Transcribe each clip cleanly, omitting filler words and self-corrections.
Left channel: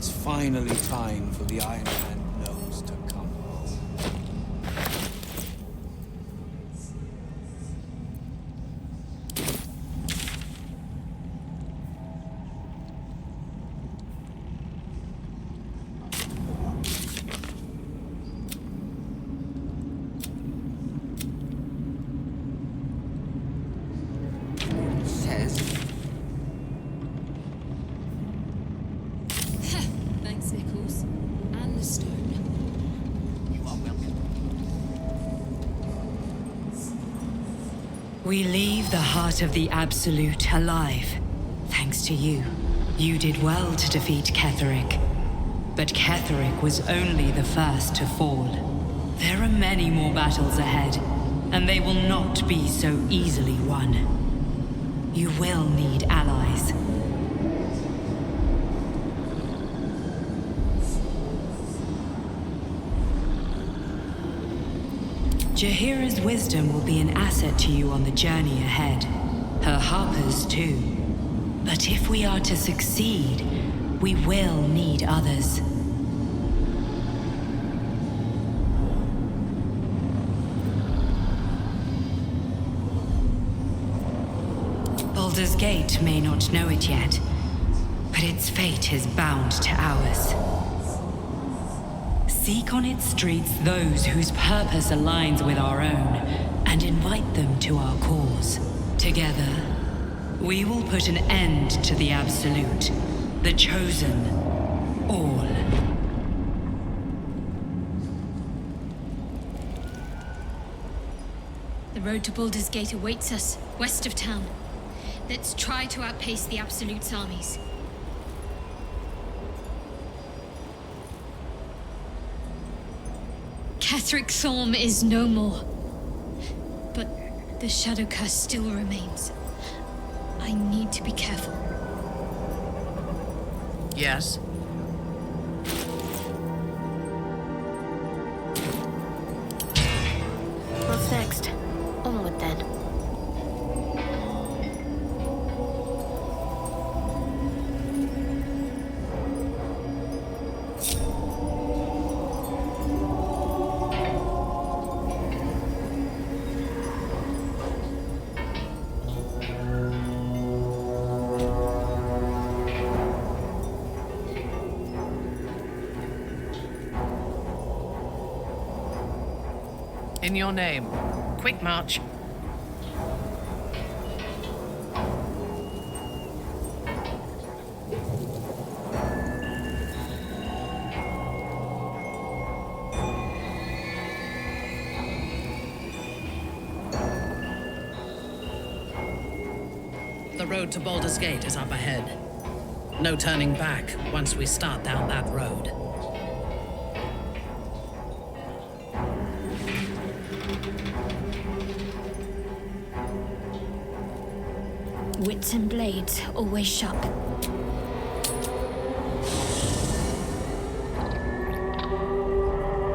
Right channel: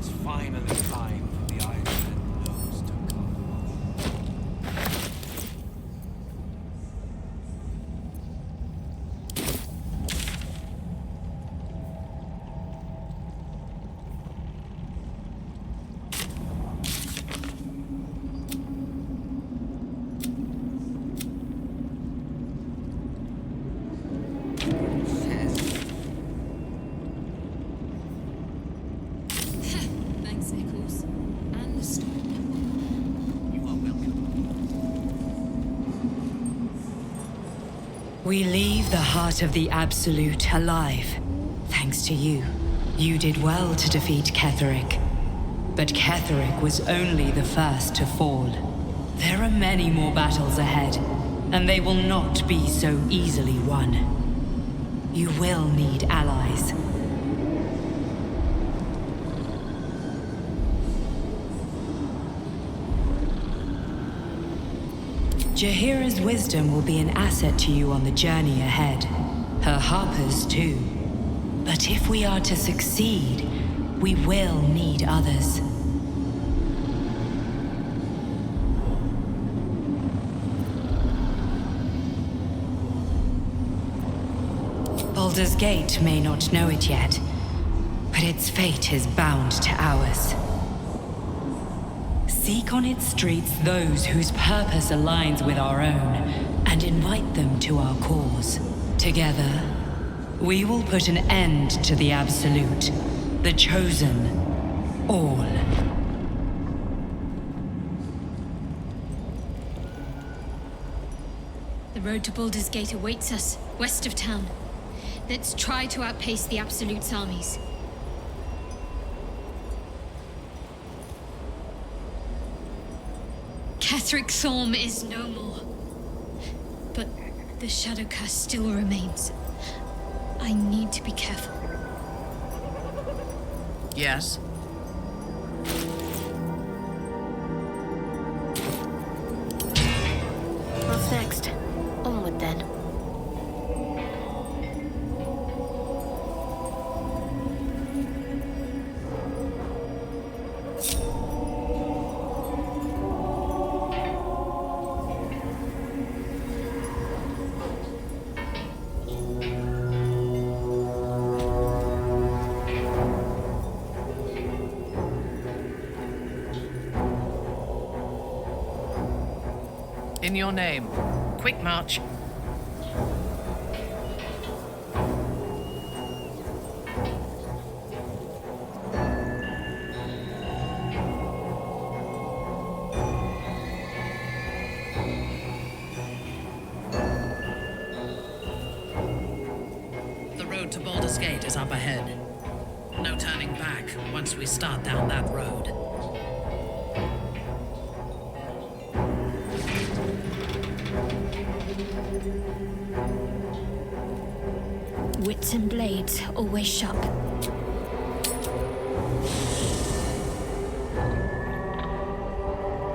It's finally time for the Iron Man nose to come. Thanks, Nichols. And the stone. You are welcome. We leave the heart of the Absolute alive. Thanks to you. You did well to defeat Ketheric. But Ketheric was only the first to fall. There are many more battles ahead, and they will not be so easily won. You will need allies. Jaheira's wisdom will be an asset to you on the journey ahead. Her harpers too. But if we are to succeed, we will need others. Baldur's Gate may not know it yet, but its fate is bound to ours. Seek on its streets those whose purpose aligns with our own, and invite them to our cause. Together, we will put an end to the Absolute, the Chosen, all. The road to Baldur's Gate awaits us, west of town. Let's try to outpace the Absolute's armies. Ketheric Thorm is no more. But the Shadow Curse still remains. I need to be careful. Yes? What's next? Onward then. In your name. Quick march. The road to Baldur's Gate is up ahead. No turning back once we start down that road. Wits and blades, always sharp.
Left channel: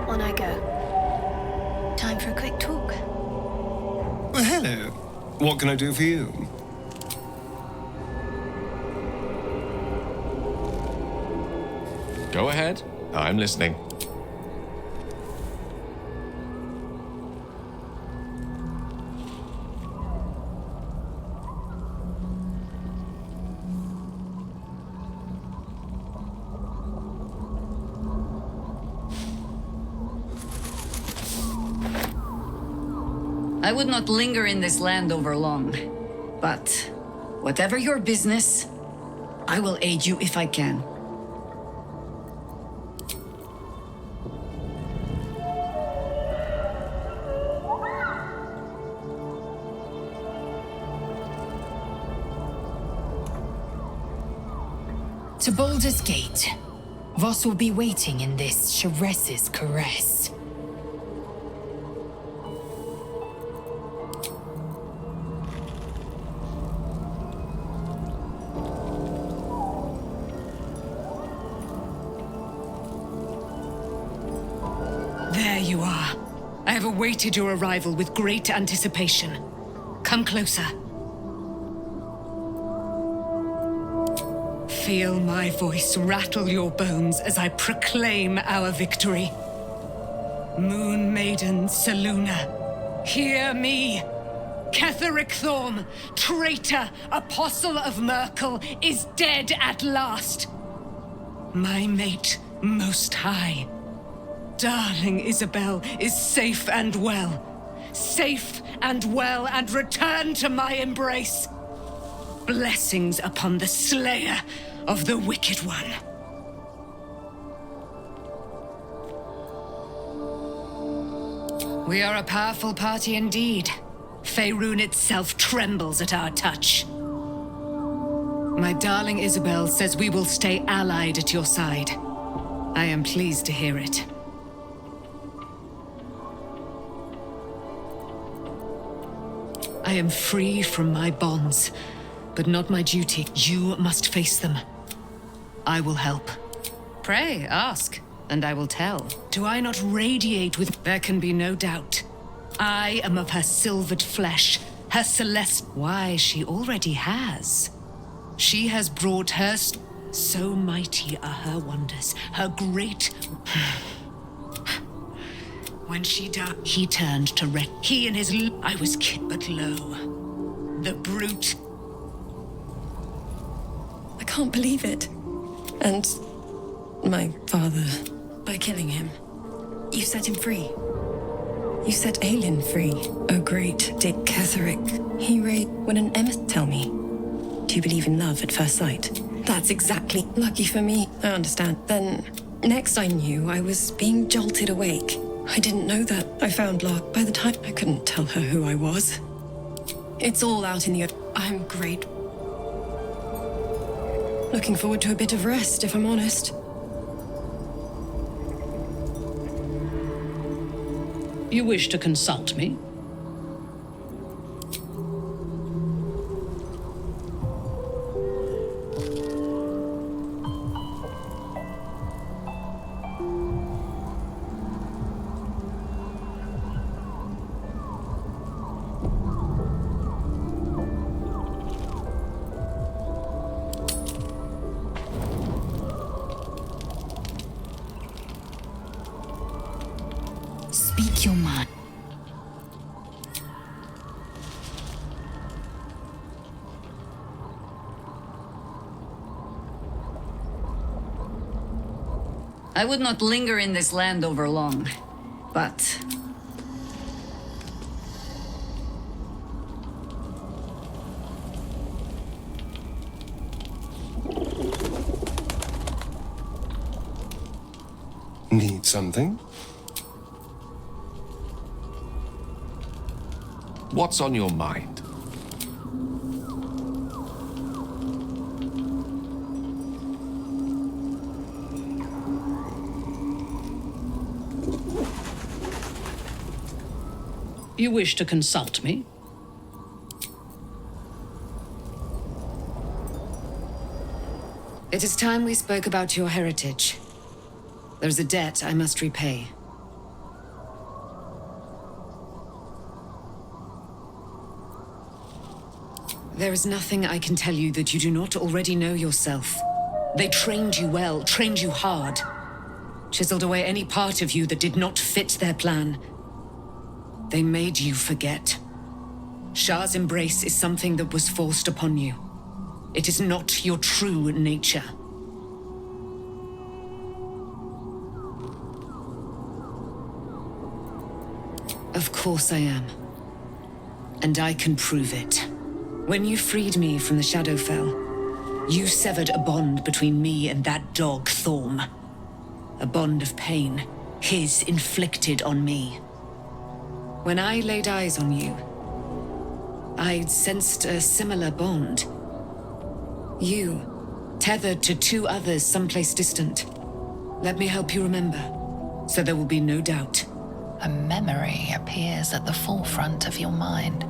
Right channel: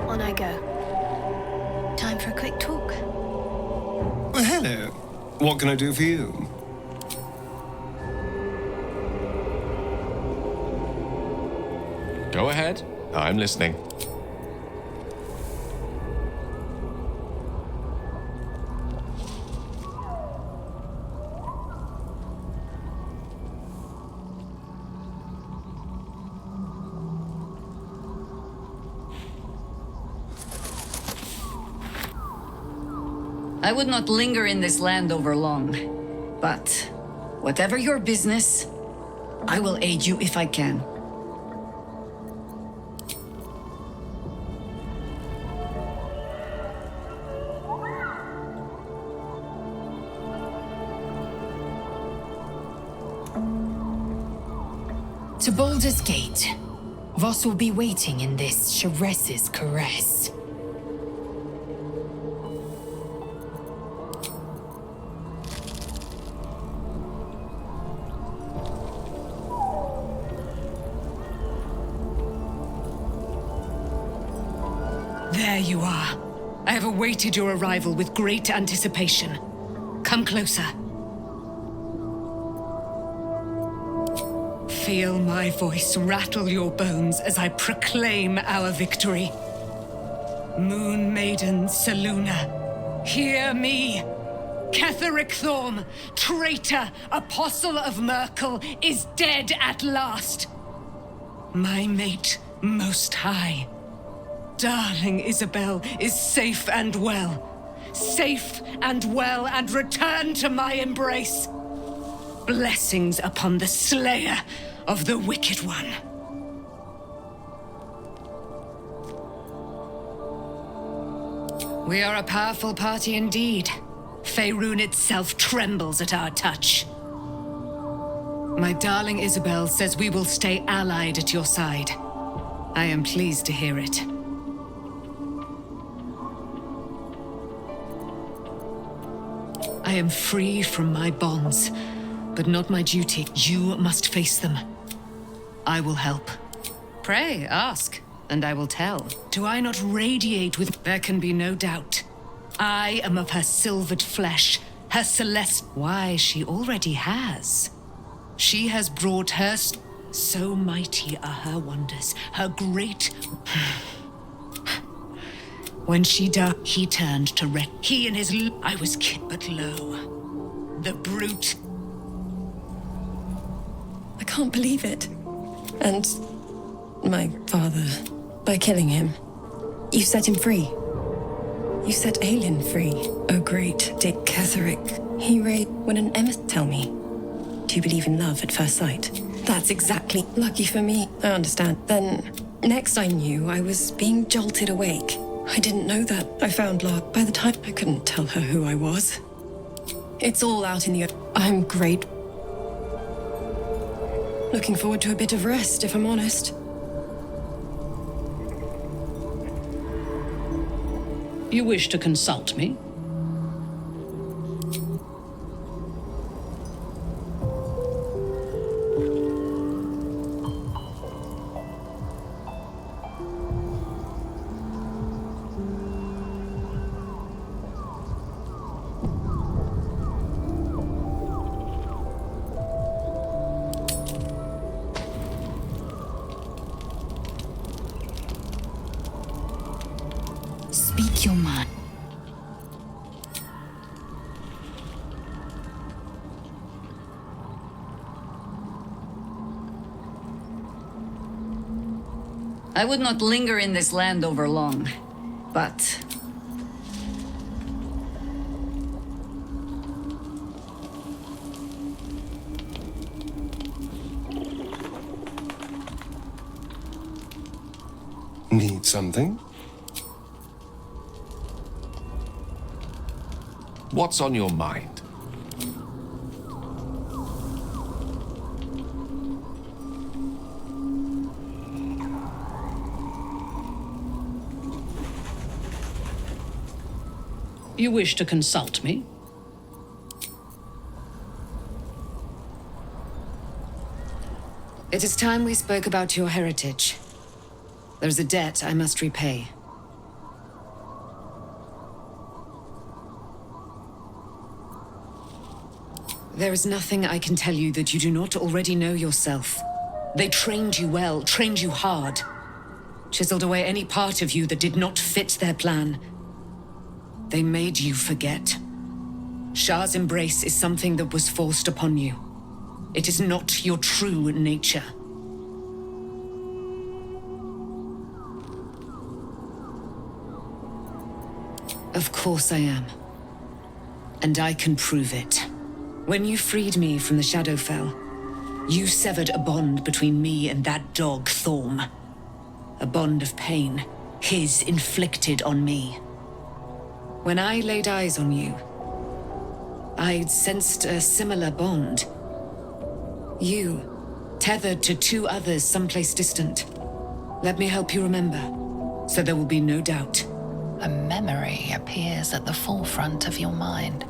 On I go. Time for a quick talk. Well, hello. What can I do for you? Go ahead. I'm listening. I would not linger in this land over long. But whatever your business, I will aid you if I can. To Baldur's Gate, Voss will be waiting in this Sharess's caress. There you are. I have awaited your arrival with great anticipation. Come closer. Feel my voice rattle your bones as I proclaim our victory. Moon Maiden Selûne, hear me! Ketheric Thorm, traitor, apostle of Merkel, is dead at last. My mate, Most High. Darling Isabel is safe and well. Safe and well, and returned to my embrace. Blessings upon the slayer of the Wicked One. We are a powerful party indeed. Faerun itself trembles at our touch. My darling Isabel says we will stay allied at your side. I am pleased to hear it. I am free from my bonds, but not my duty. You must face them. I will help. Pray, ask, and I will tell. Do I not radiate with... There can be no doubt. I am of her silvered flesh, her celeste... Why, she already has. She has brought her... So mighty are her wonders, her great... When she died, he turned to wreck. He and his... I was kid, but lo, the brute... I can't believe it. And my father, by killing him, you set him free. You set Aelin free. Oh, great Dick Ketheric. He when an emissary... Tell me, do you believe in love at first sight? That's exactly lucky for me. I understand. Then, next I knew, I was being jolted awake. I didn't know that. I found Lark. By the time I couldn't tell her who I was. It's all out in the... I'm great. Looking forward to a bit of rest, if I'm honest. You wish to consult me? Speak your mind. I would not linger in this land over long, but... Need something? What's on your mind? You wish to consult me? It is time we spoke about your heritage. There's a debt I must repay. There is nothing I can tell you that you do not already know yourself. They trained you well, trained you hard. Chiseled away any part of you that did not fit their plan. They made you forget. Shah's embrace is something that was forced upon you. It is not your true nature. Of course I am. And I can prove it. When you freed me from the Shadowfell, you severed a bond between me and that dog, Thorm. A bond of pain, his inflicted on me. When I laid eyes on you, I sensed a similar bond. You, tethered to two others someplace distant. Let me help you remember, so there will be no doubt. A memory appears at the forefront of your mind.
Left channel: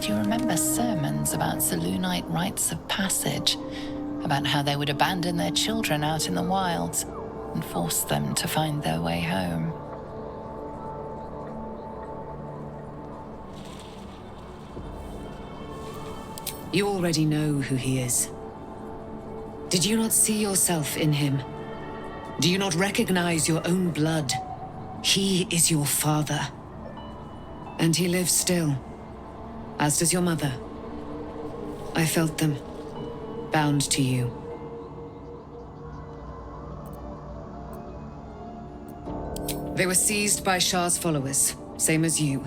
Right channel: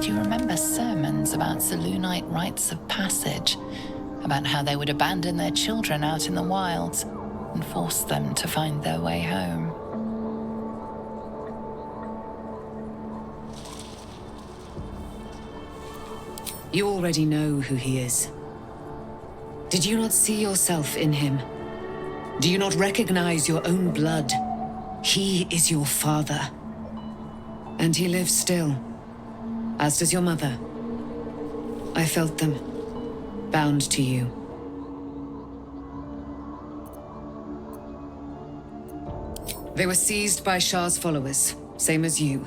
Do you remember sermons about Selûnite rites of passage? About how they would abandon their children out in the wilds and force them to find their way home? You already know who he is. Did you not see yourself in him? Do you not recognize your own blood? He is your father. And he lives still, as does your mother. I felt them, bound to you. They were seized by Shah's followers, same as you.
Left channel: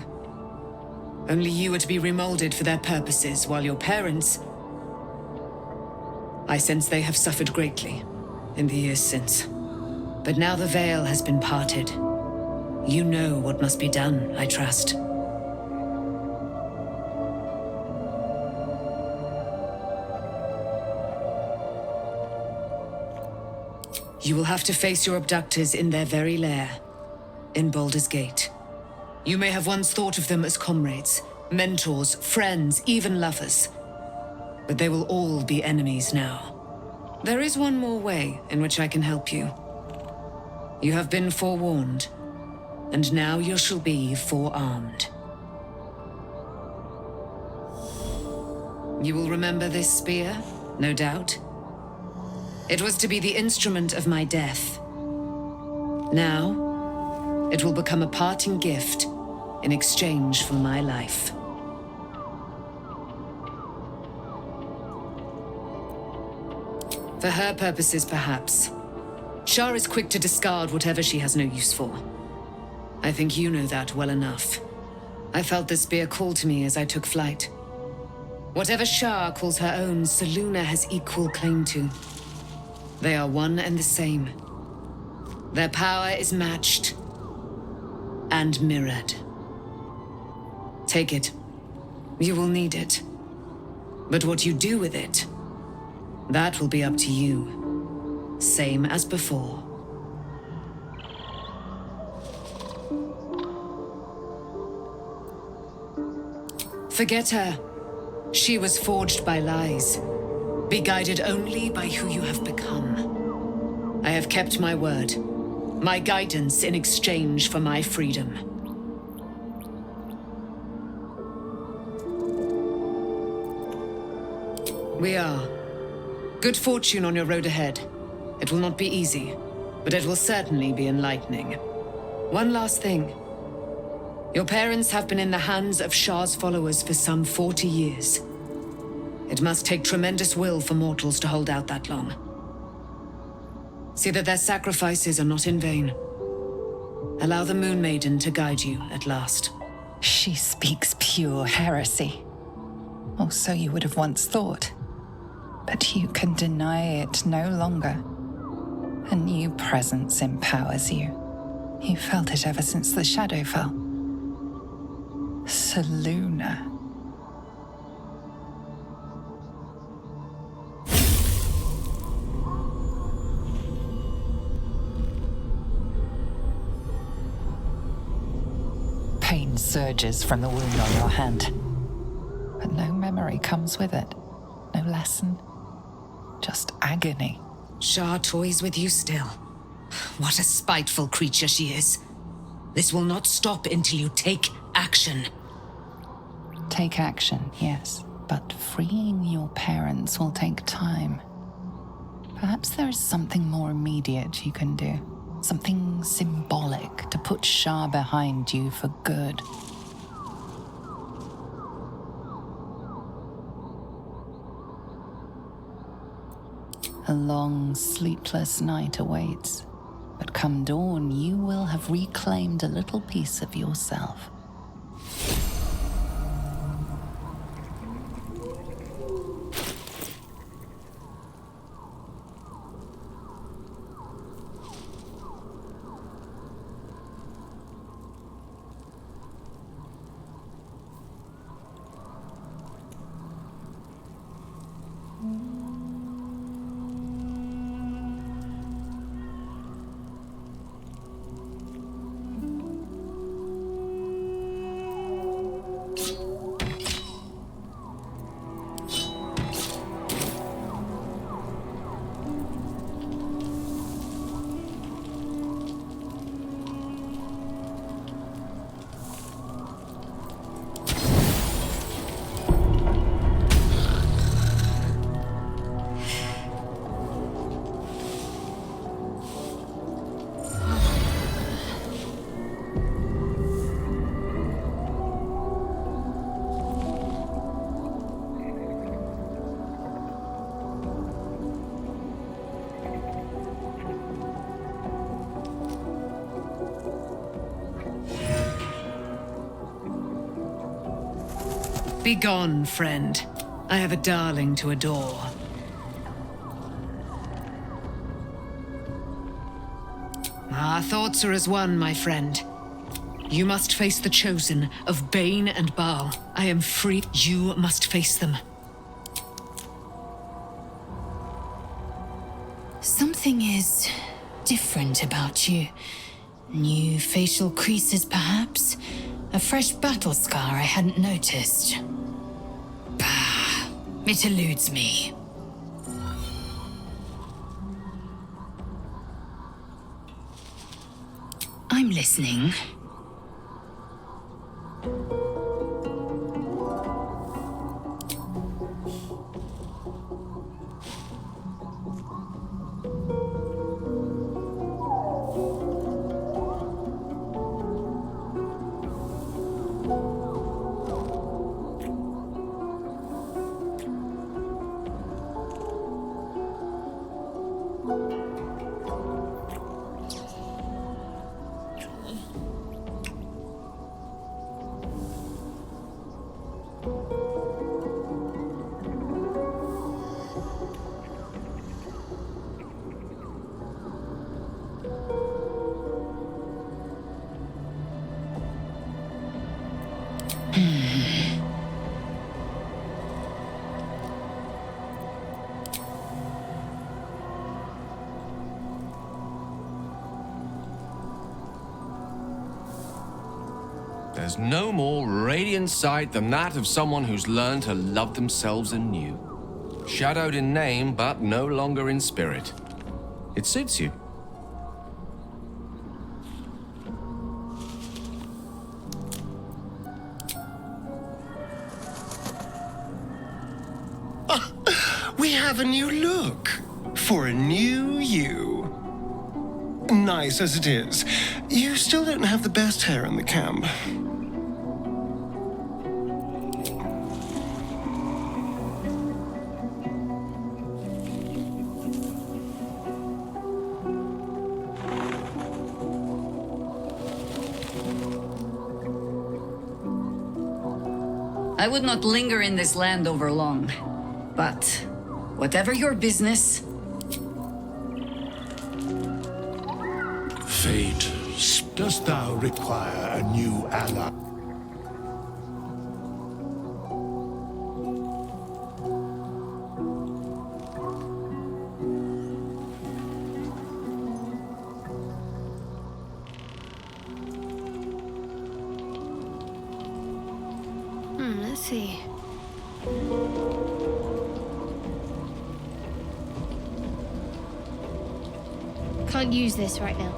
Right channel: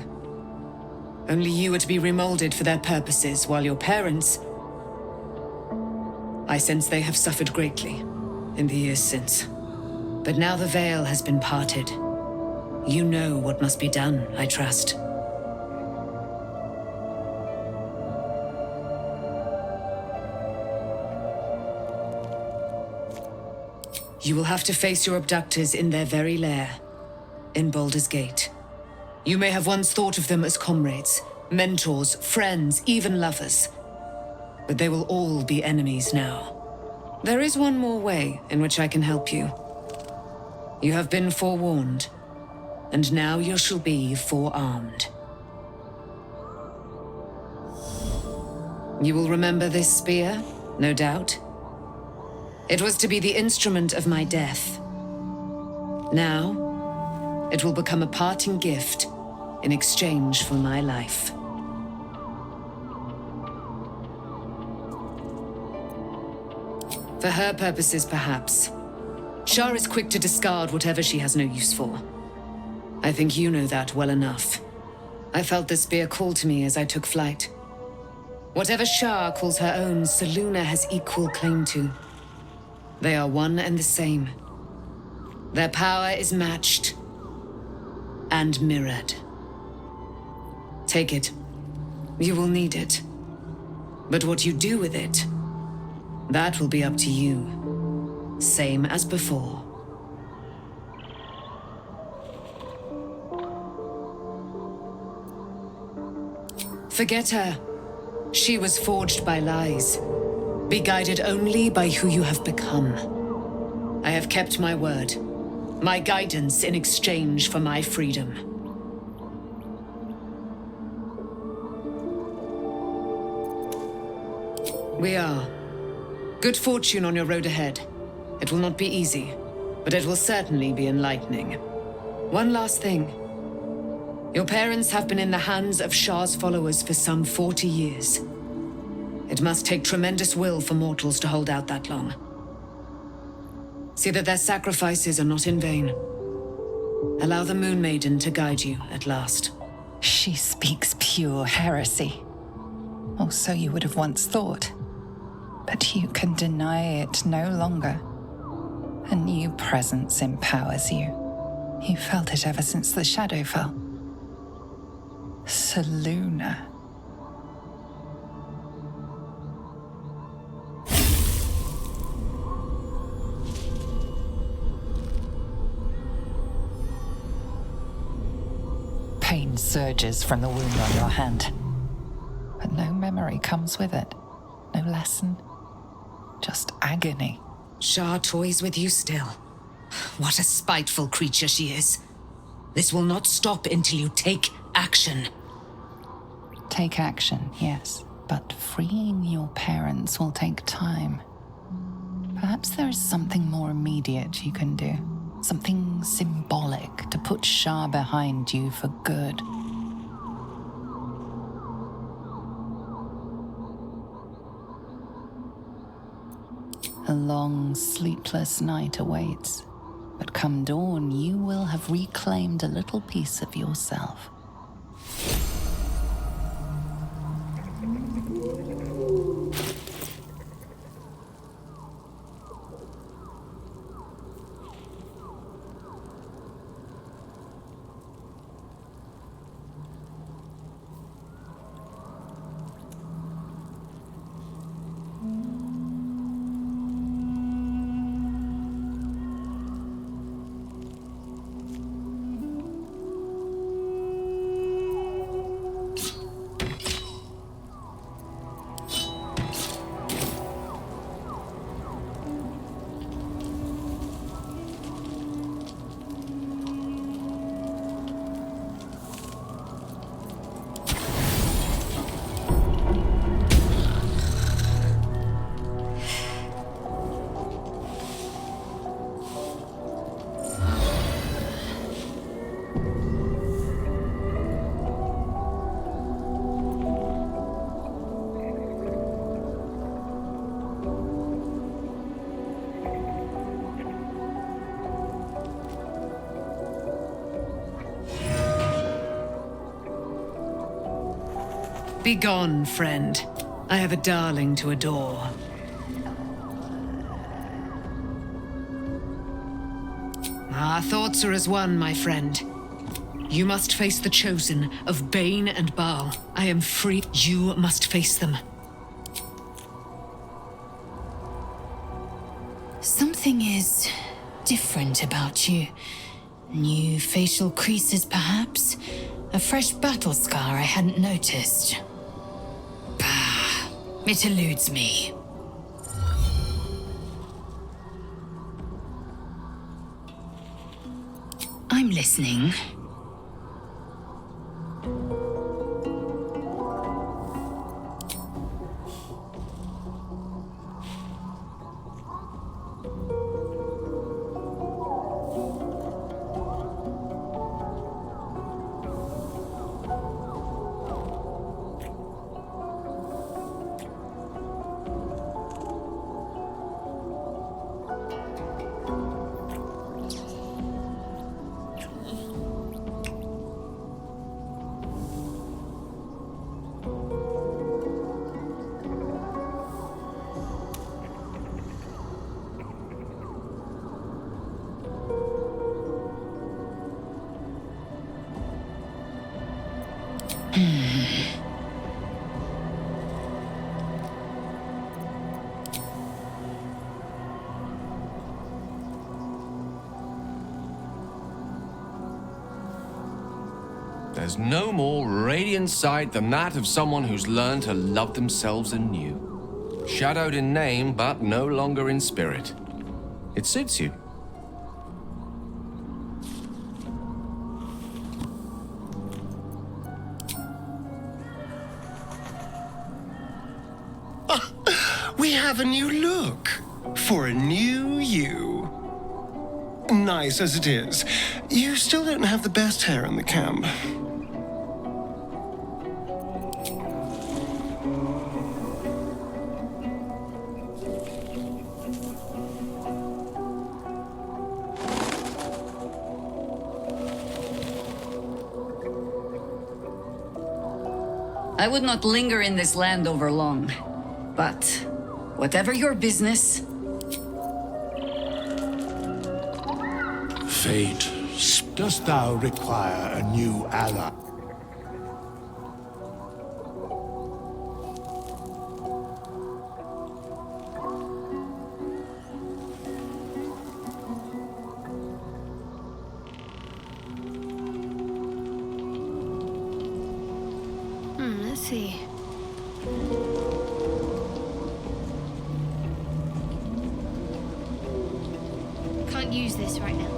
Only you are to be remolded for their purposes, while your parents... I sense they have suffered greatly in the years since. But now the veil has been parted. You know what must be done, I trust. You will have to face your abductors in their very lair, in Baldur's Gate. You may have once thought of them as comrades, mentors, friends, even lovers. But they will all be enemies now. There is one more way in which I can help you. You have been forewarned, and now you shall be forearmed. You will remember this spear, no doubt. It was to be the instrument of my death. Now, it will become a parting gift in exchange for my life. For her purposes, perhaps. Shah is quick to discard whatever she has no use for. I think you know that well enough. I felt the spear call to me as I took flight. Whatever Shah calls her own, Selûne has equal claim to. They are one and the same. Their power is matched and mirrored. Take it. You will need it. But what you do with it, that will be up to you. Same as before. Forget her. She was forged by lies. Be guided only by who you have become. I have kept my word. My guidance in exchange for my freedom. We are. Good fortune on your road ahead. It will not be easy, but it will certainly be enlightening. One last thing. Your parents have been in the hands of Shah's followers for some 40 years. It must take tremendous will for mortals to hold out that long. See that their sacrifices are not in vain. Allow the Moon Maiden to guide you at last. She speaks pure heresy. Or so you would have once thought. But you can deny it no longer. A new presence empowers you. You felt it ever since the shadow fell. Selûne. Pain surges from the wound on your hand. But no memory comes with it. No lesson. Just agony. Shah toys with you still. What a spiteful creature she is. This will not stop until you take action. Take action, yes. But freeing your parents will take time. Perhaps there is something more immediate you can do. Something symbolic to put Shah behind you for good. A long, sleepless night awaits. But come dawn, you will have reclaimed a little piece of yourself. Begone, friend. I have a darling to adore. Our thoughts are as one, my friend. You must face the chosen of Bane and Baal. I am free. You must face them. Something is different about you. New facial creases, perhaps? A fresh battle scar I hadn't noticed. Bah, it eludes me. I'm listening. There's no more radiant sight than that of someone who's learned to love themselves anew. Shadowed in name, but no longer in spirit. It suits you. We have a new look for a new you. Nice as it is, you still don't have the best hair in the camp. I would not linger in this land over long, but whatever your business. Fate, dost thou require a new ally? Let's see. Can't use this right now.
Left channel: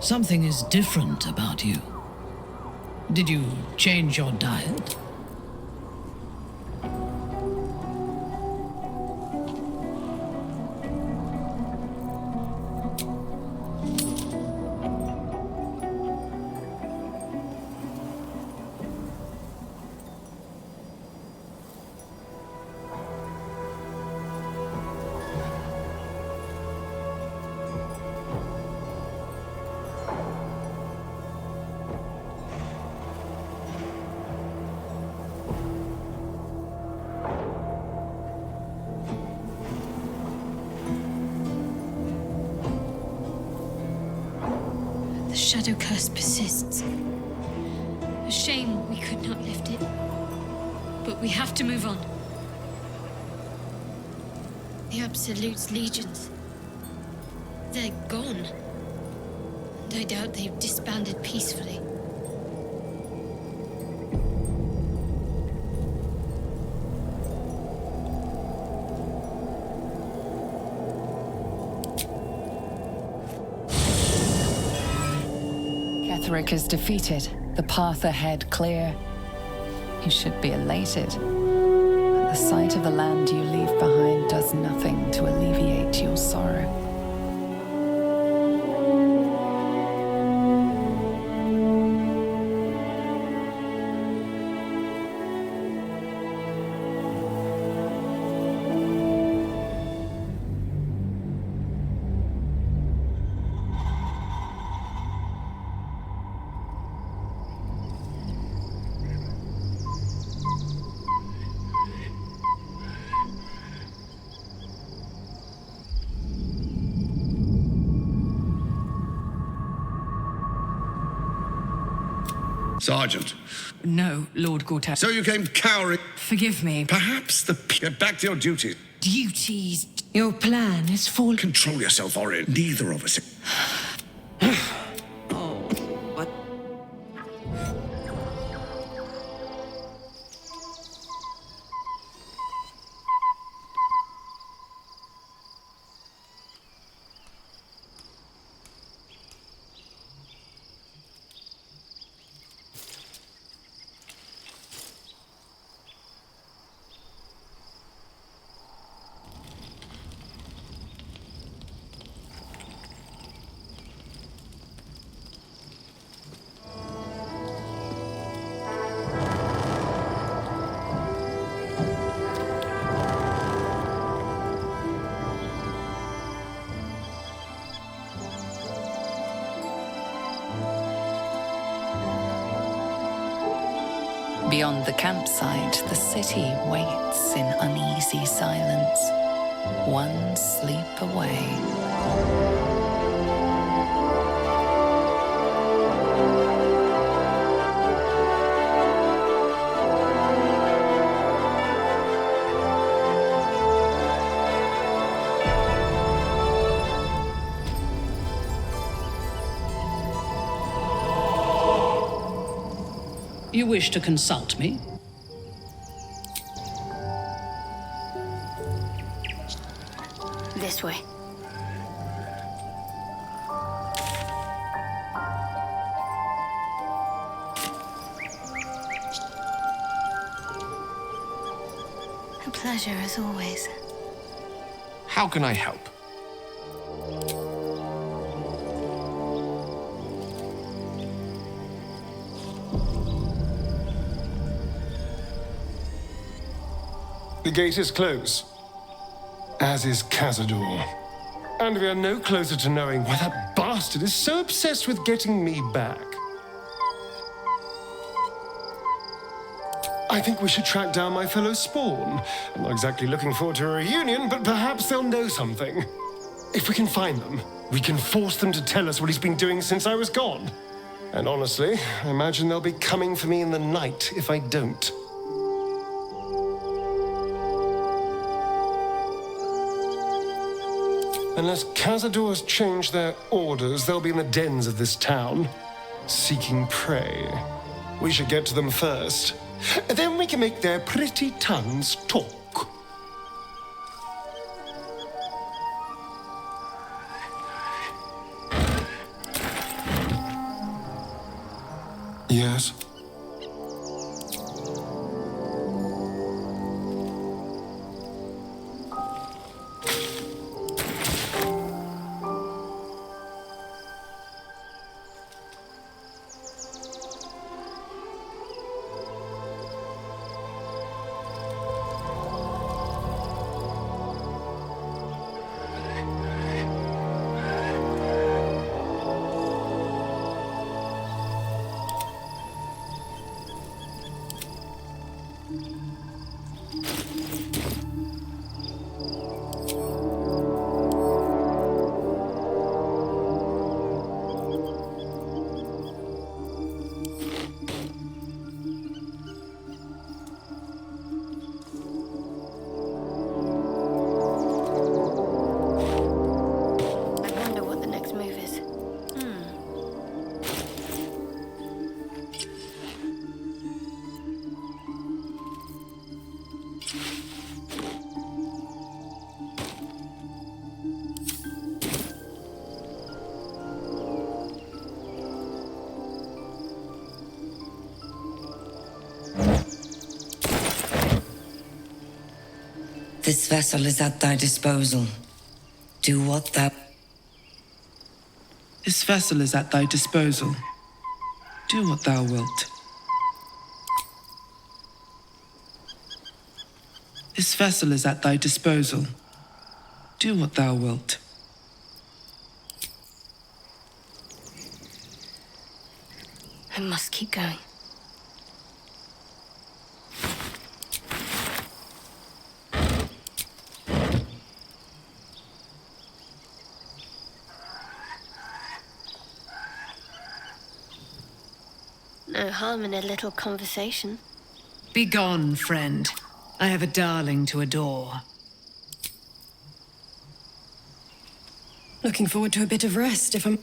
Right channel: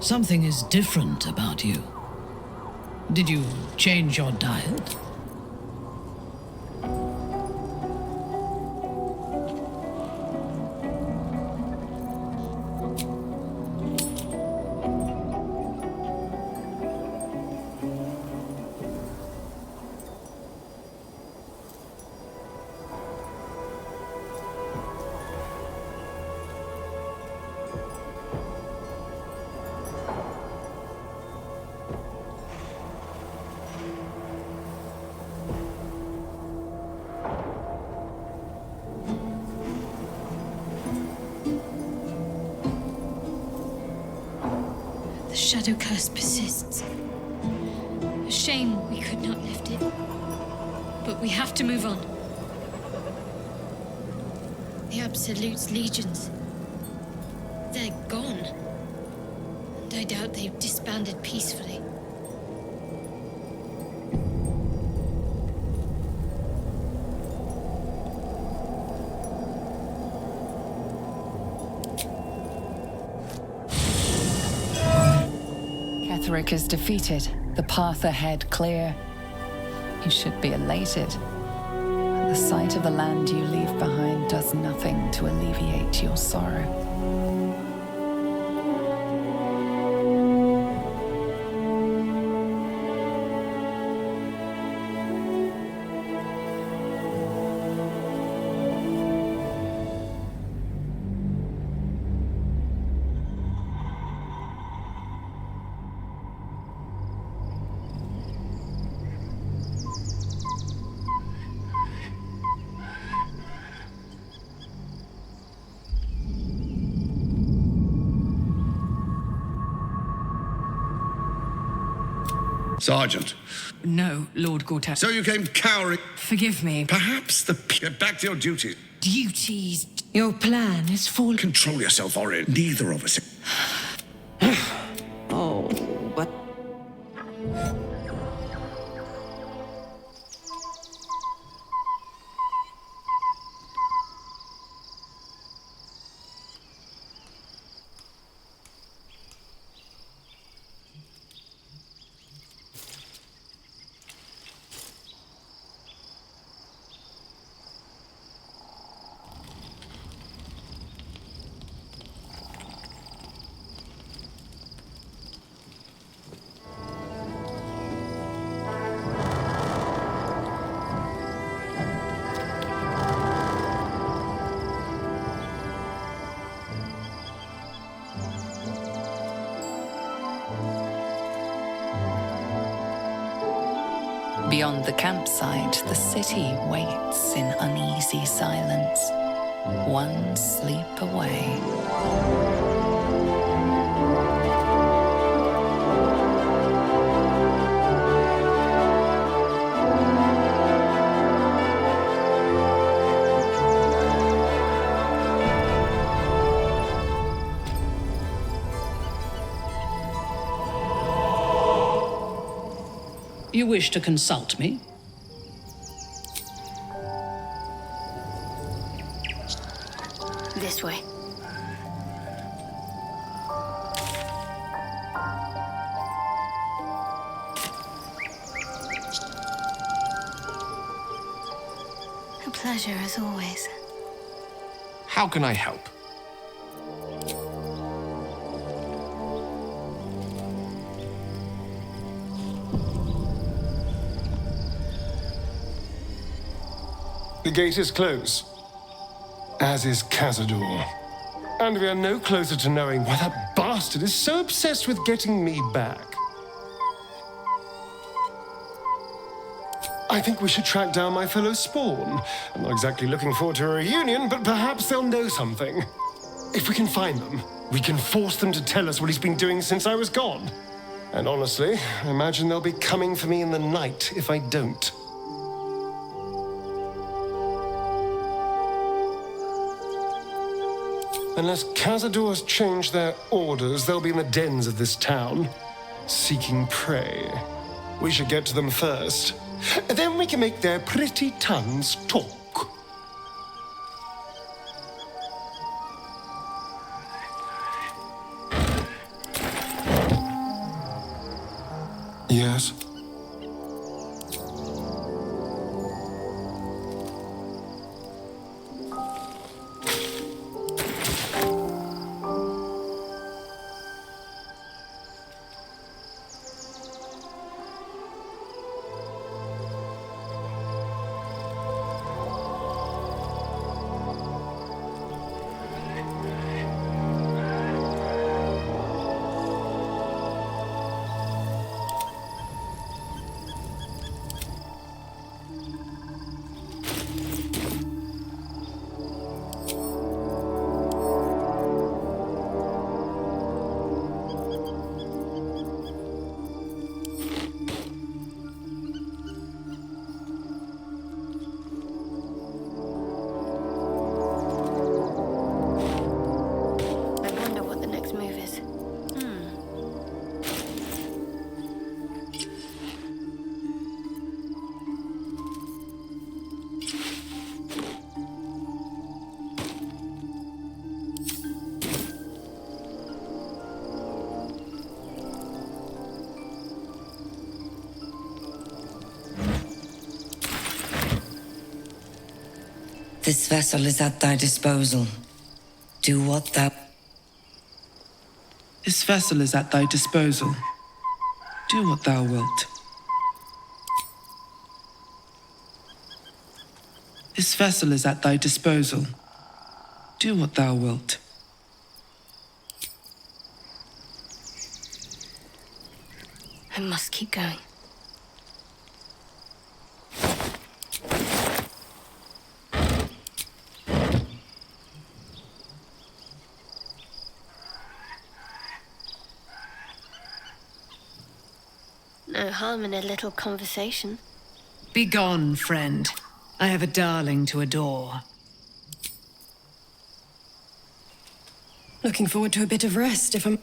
Something is different about you. Did you change your diet? The shadow curse persists. A shame we could not lift it. But we have to move on. The Absolute's legions. They're gone. And I doubt they've disbanded peacefully. Ketheric is defeated, the path ahead clear. You should be elated. But the sight of the land you leave behind does nothing to alleviate your sorrow. Sergeant. No, Lord Gortat. So you came cowering. Forgive me. Perhaps Get back to your duties. Duties. Your plan is falling. Control yourself, Orin. Neither of us. Oh, but... Beyond the campsite, the city waits in uneasy silence, one sleep away. You wish to consult me? This way. A pleasure as always. How can I help? The gate is closed, as is Cazador. And we are no closer to knowing why that bastard is so obsessed with getting me back. I think we should track down my fellow Spawn. I'm not exactly looking forward to a reunion, but perhaps they'll know something. If we can find them, we can force them to tell us what he's been doing since I was gone. And honestly, I imagine they'll be coming for me in the night if I don't. Unless Cazador has changed their orders, they'll be in the dens of this town, seeking prey. We should get to them first. Then we can make their pretty tongues talk. Yes? I wonder what the next move is. This vessel is at thy disposal. Do what thou... This vessel is at thy disposal. Do what thou wilt. This vessel is at thy disposal. Do what thou wilt. I must keep going. No harm in a little conversation. Begone, friend. I have a darling to adore. Looking forward to a bit of rest, if I'm...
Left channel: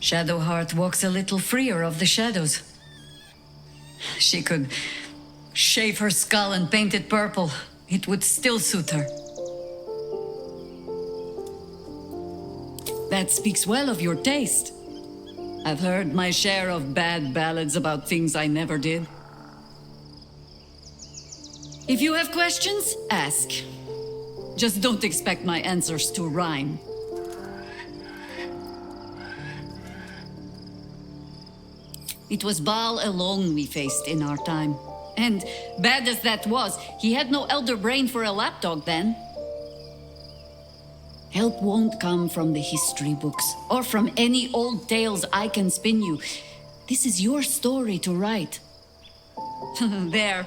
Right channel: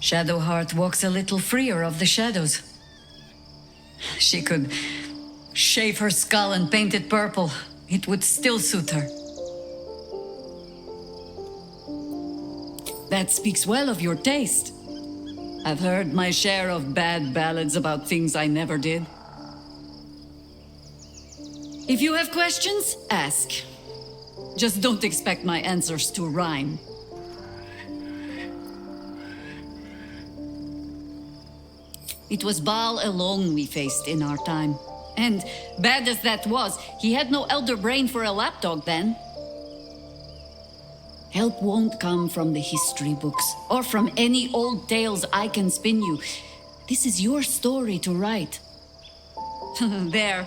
Shadowheart walks a little freer of the shadows. She could shave her skull and paint it purple. It would still suit her. That speaks well of your taste. I've heard my share of bad ballads about things I never did. If you have questions, ask. Just don't expect my answers to rhyme. It was Baal alone we faced in our time. And bad as that was, he had no elder brain for a lapdog then. Help won't come from the history books, or from any old tales I can spin you. This is your story to write. There.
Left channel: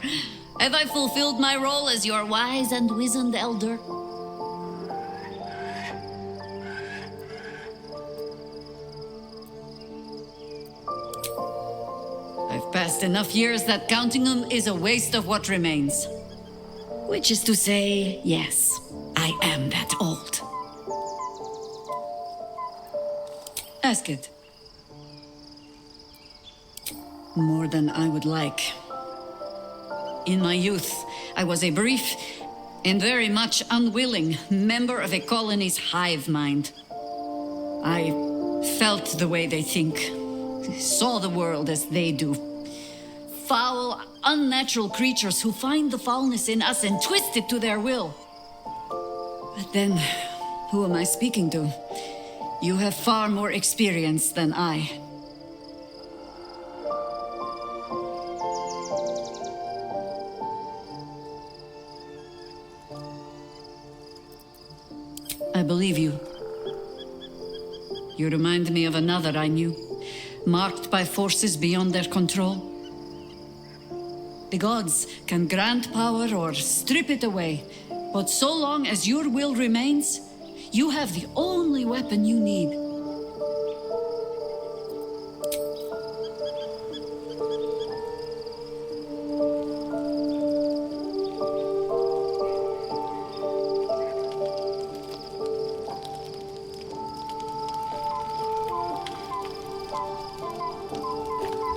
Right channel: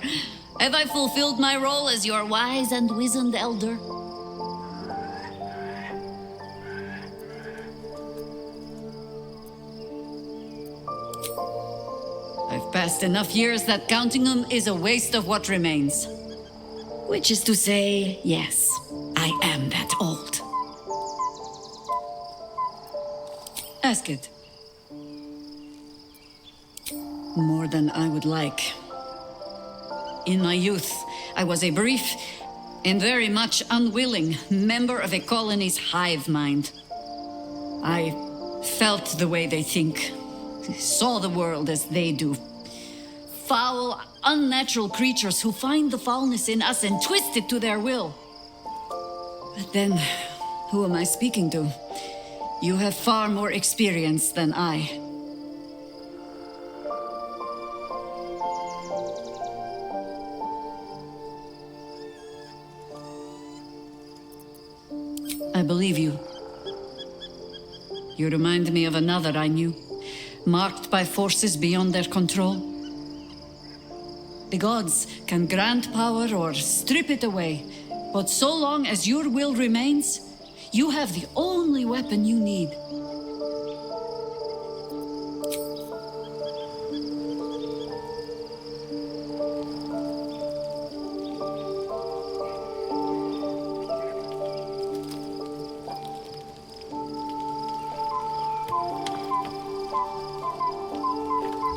Have I fulfilled my role as your wise and wizened elder? I've passed enough years that counting them is a waste of what remains. Which is to say, yes, I am that old. Ask it. More than I would like. In my youth, I was a brief and very much unwilling member of a colony's hive mind. I felt the way they think. Saw the world as they do. Foul, unnatural creatures who find the foulness in us and twist it to their will. But then, who am I speaking to? You have far more experience than I. I believe you. You remind me of another I knew. Marked by forces beyond their control. The gods can grant power or strip it away, but so long as your will remains, you have the only weapon you need.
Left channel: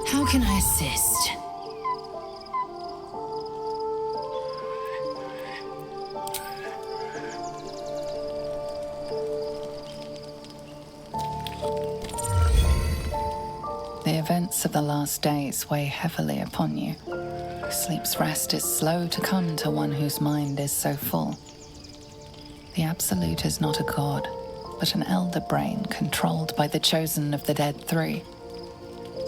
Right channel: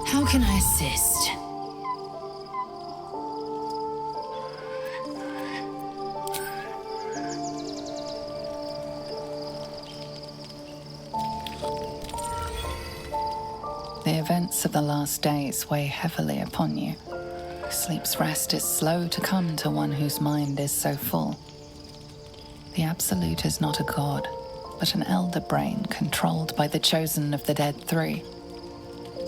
How can I assist? The events of the last days weigh heavily upon you. Sleep's rest is slow to come to one whose mind is so full. The Absolute is not a god, but an elder brain controlled by the chosen of the Dead Three.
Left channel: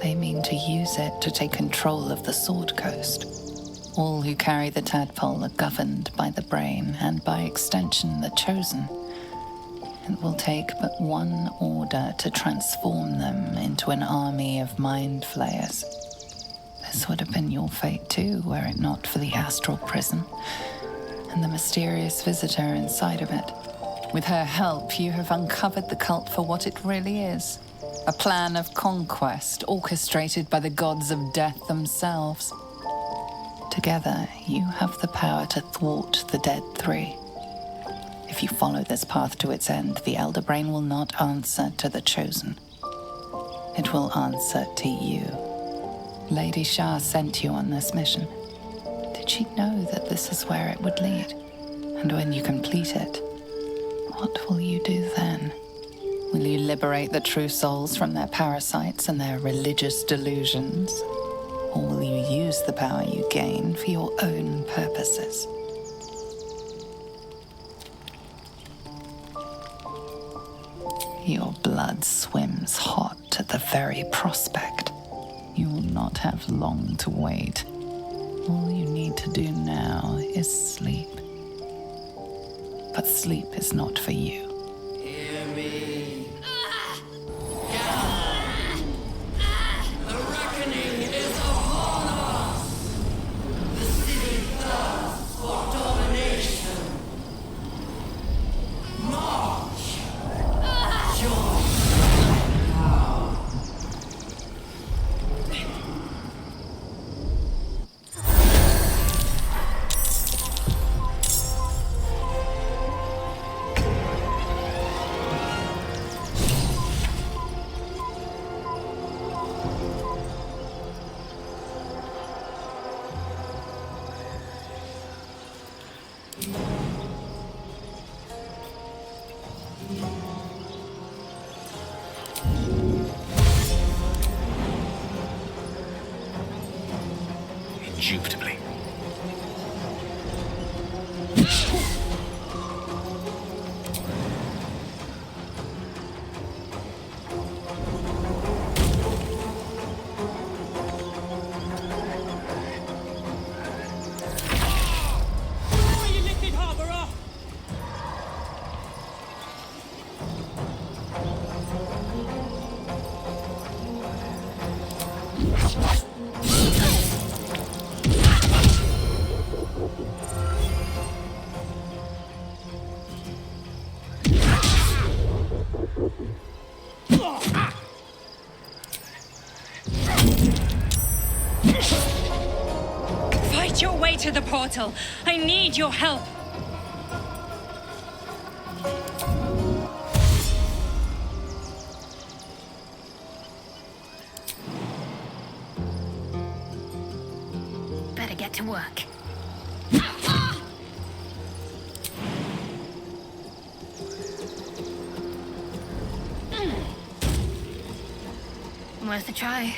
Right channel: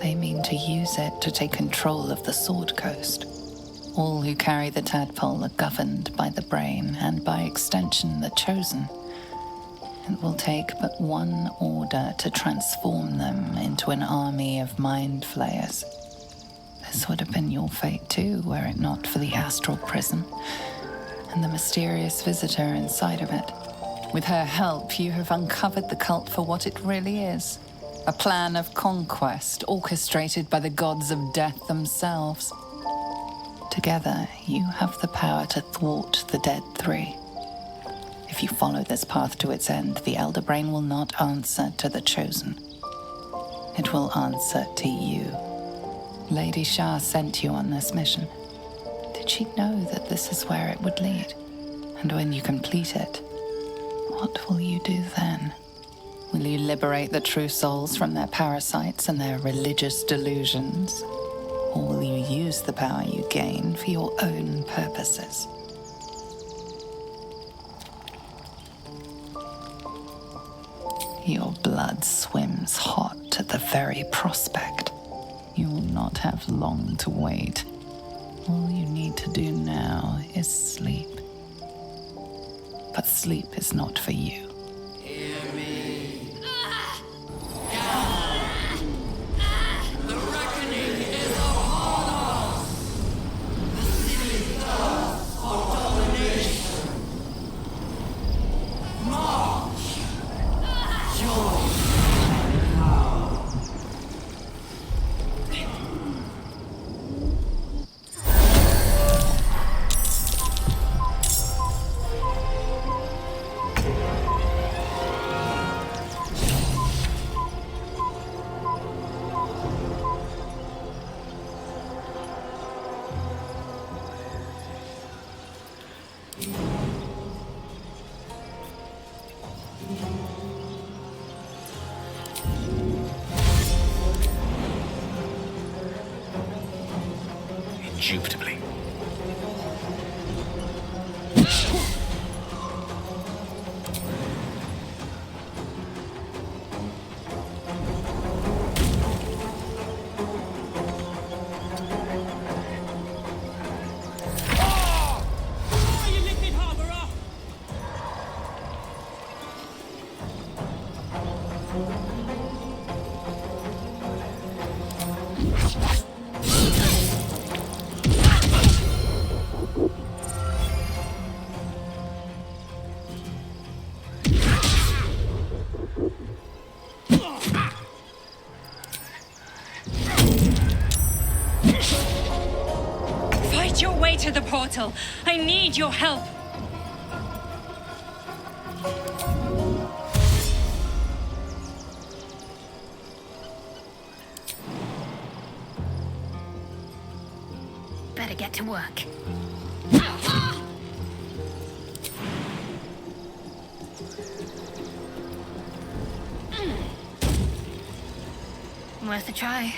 They mean to use it to take control of the Sword Coast. All who carry the tadpole are governed by the brain, and by extension the chosen. It will take but one order to transform them into an army of mind flayers. This would have been your fate too, were it not for the astral prison and the mysterious visitor inside of it. With her help, you have uncovered the cult for what it really is. A plan of conquest orchestrated by the gods of death themselves. Together, you have the power to thwart the Dead Three. If you follow this path to its end, the Elder Brain will not answer to the Chosen. it will answer to you. Lady Shah sent you on this mission. Did she know that this is where it would lead? And when you complete it, what will you do then? Will you liberate the true souls from their parasites and their religious delusions? Or will you use the power you gain for your own purposes? Your blood swims hot at the very prospect. You will not have long to wait. All you need to do now is sleep. But sleep is not for you. Hear me. Gather. The reckoning is upon us. The city thirsts for domination. March. Join my power. Indubitably. You little harborer! Fight your way to the portal. I need your help. Better get to work. Worth a try.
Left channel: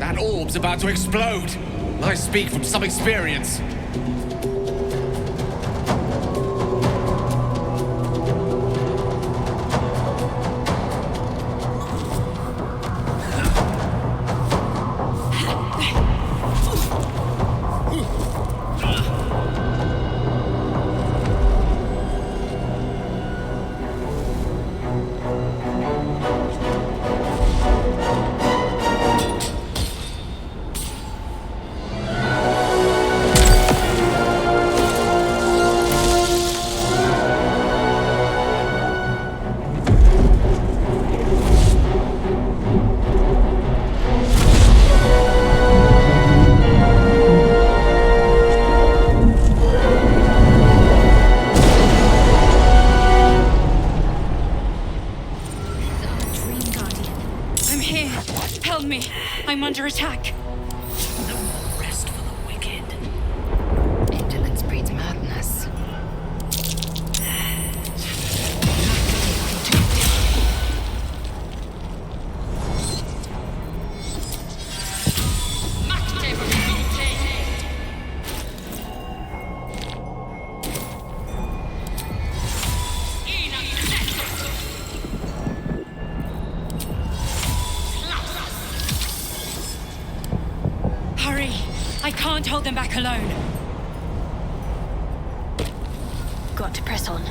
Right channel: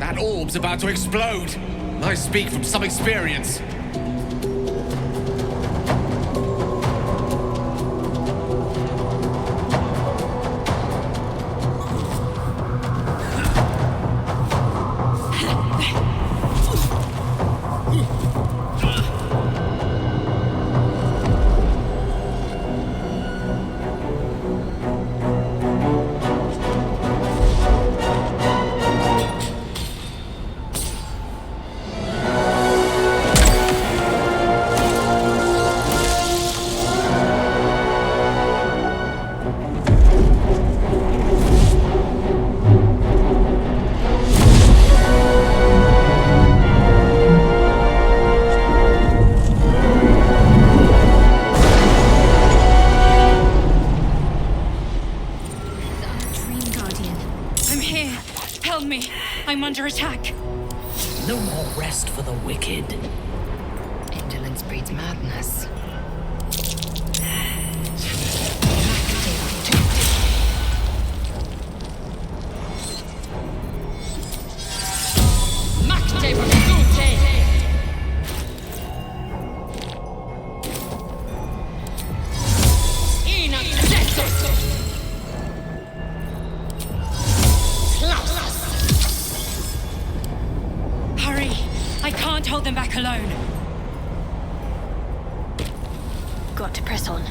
That orb's about to explode. I speak from some experience. Help me! I'm under attack! No more rest for the wicked. Indolence breeds madness. Hurry! I can't hold them back alone. Got to press on.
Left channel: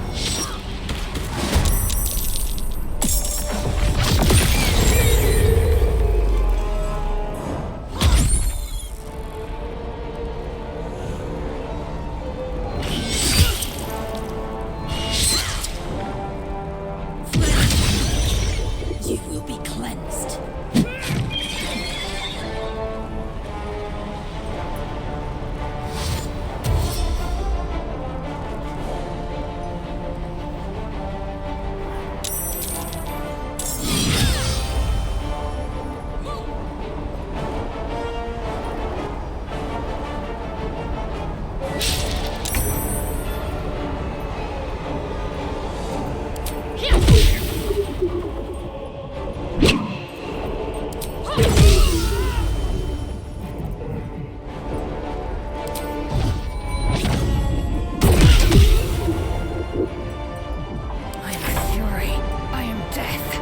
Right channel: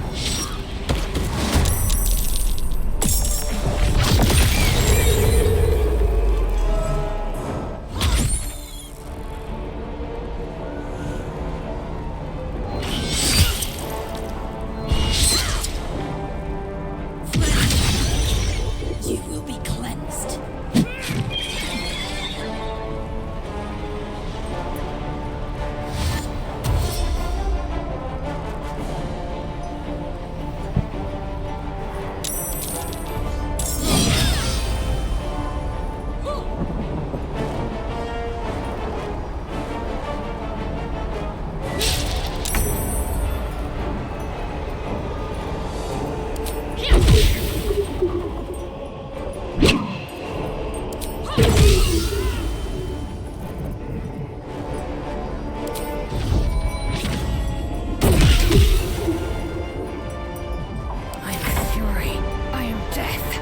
I am death.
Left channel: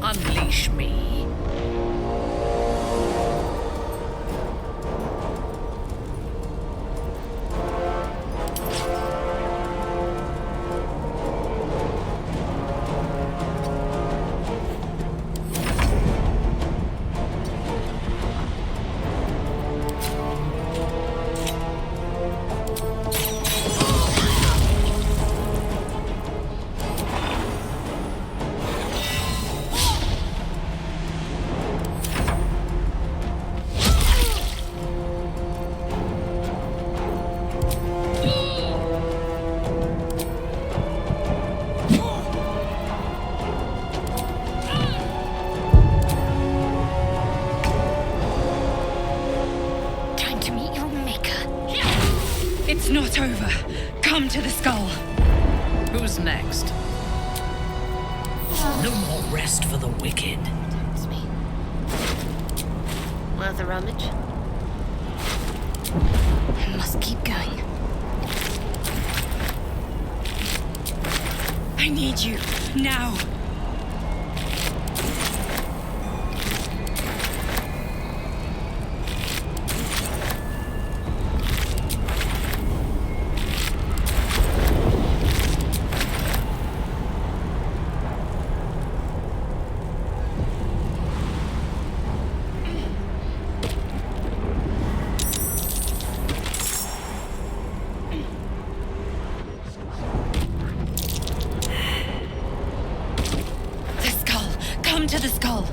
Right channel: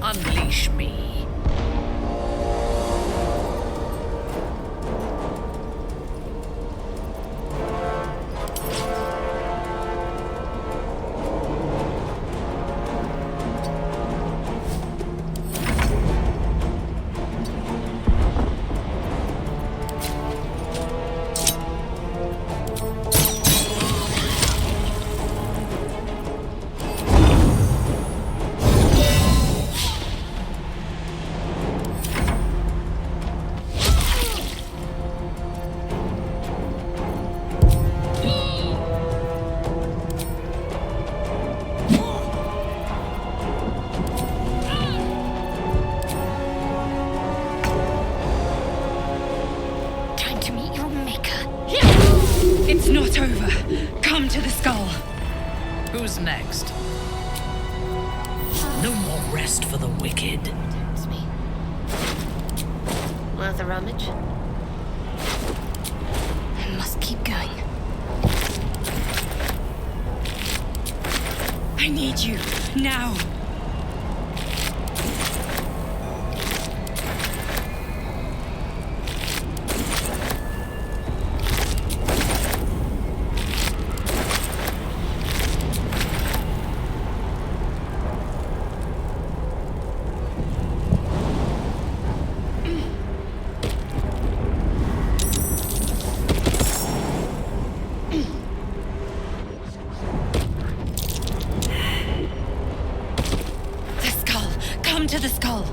Unleash me. Time to meet your maker. It's not over. Come to the skull. Who's next? No more rest for the wicked. Tempts me. Worth a rummage? I must keep going. I need you. Now. Come to the skull.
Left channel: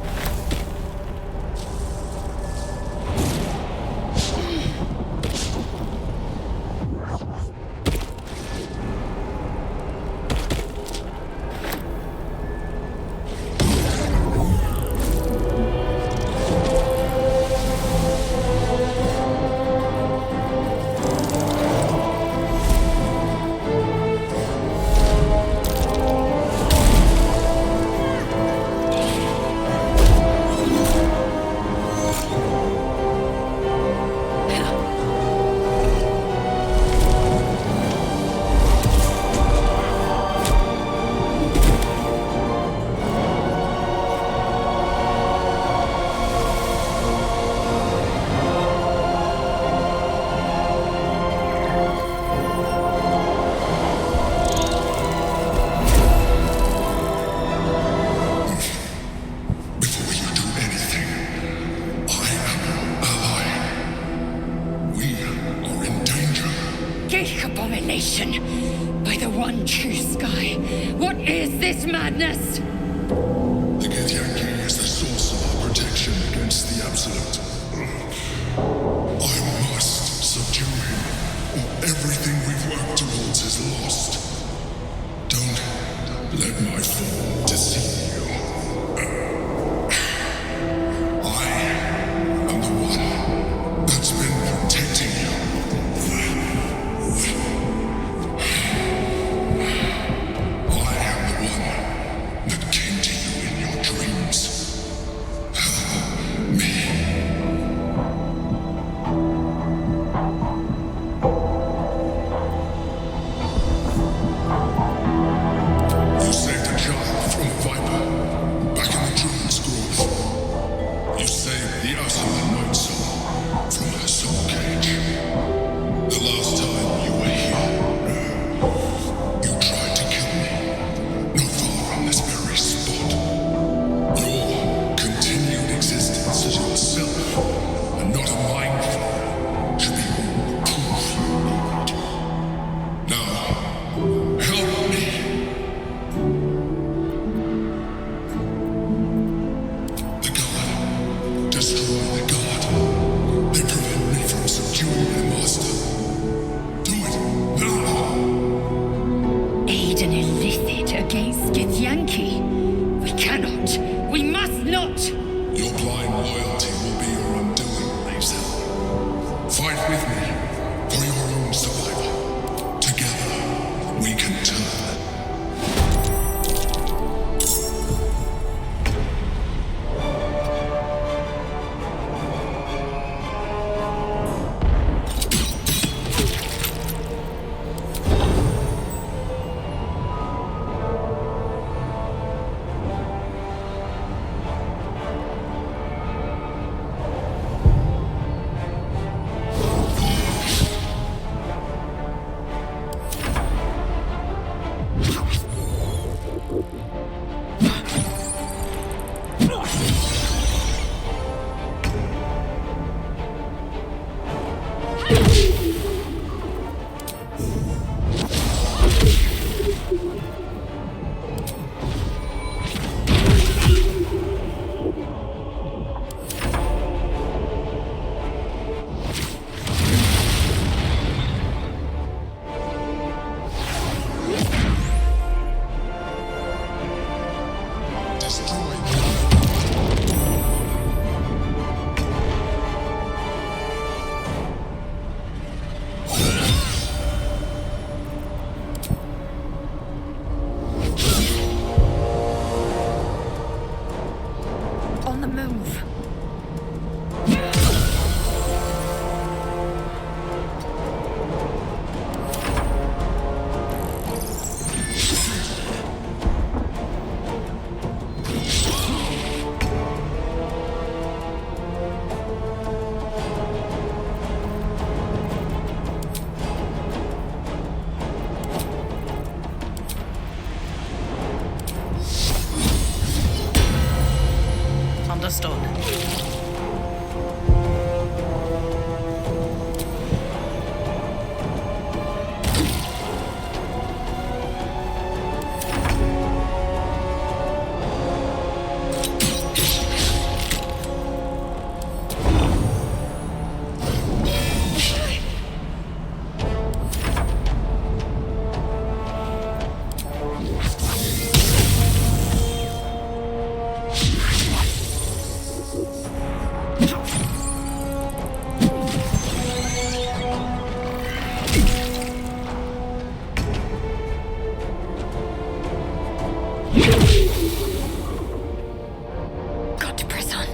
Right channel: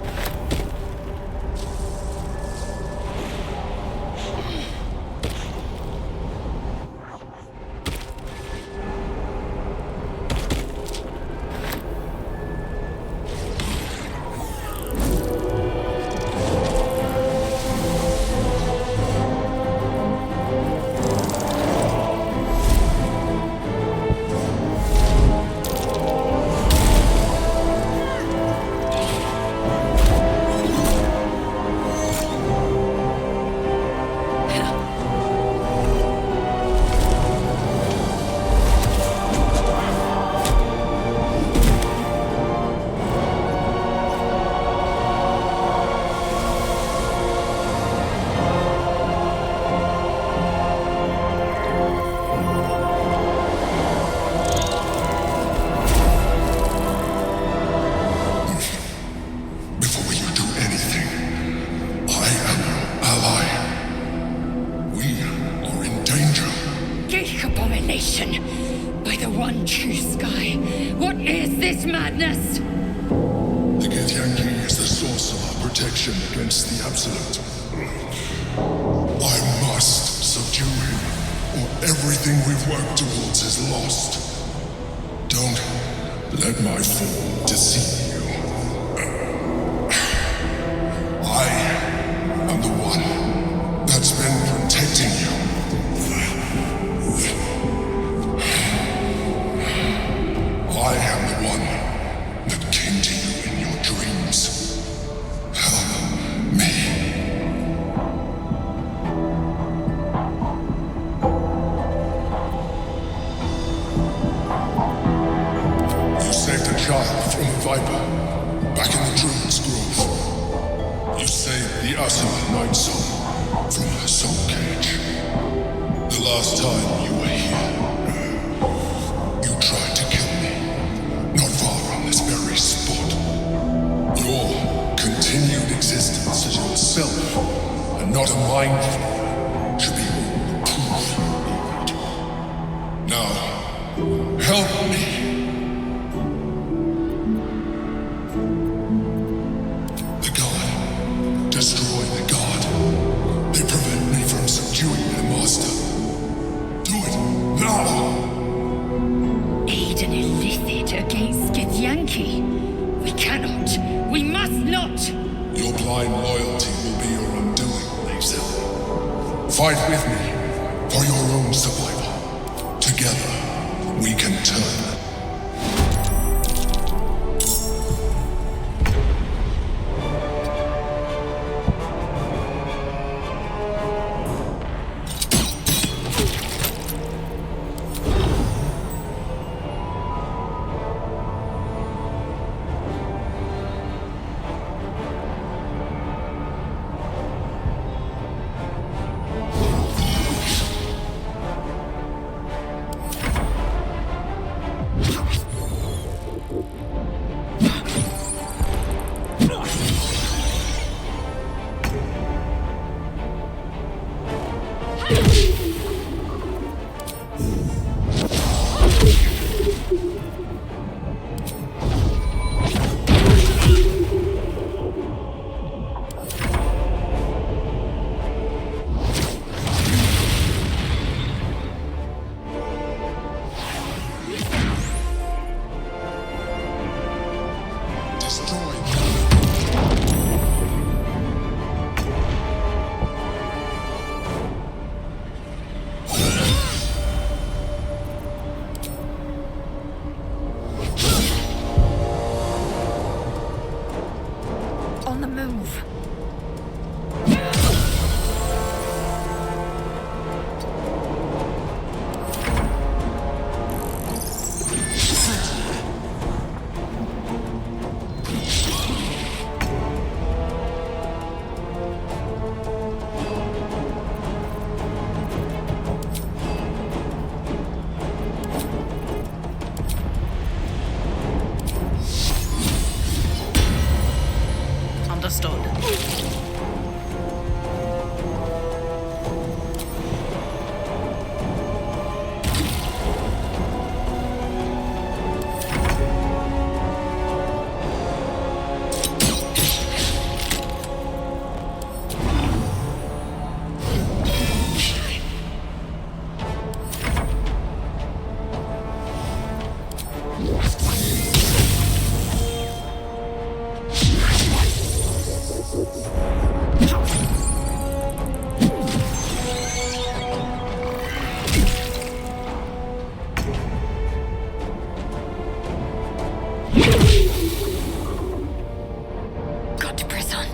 Abomination! By the one true sky, what is this madness? The Githyanki is the source of our protection against the Absolute. I must subdue him, or everything we've worked towards is lost. Don't let my form deceive you. I am the one that's been protecting you. I am the one that came to you in your dreams. Help me. You saved a child from a viper back in the Druid's Grove. You saved the Asima Night Soul from her soul cage. The last time you were here, you tried to kill me, not far from this very spot. Your continued existence as yourself, and not a mind flayer, should be all the proof you need. Now, help me. The God. Destroy the God. They prevent me from subduing their master. Do it now! Aid an illithid against Githyanki? We cannot. We must not! Your blind loyalty will be your undoing, Lae'zel. Fight with me for your own survival. Together, we can turn them. move. Understood. Got to press on.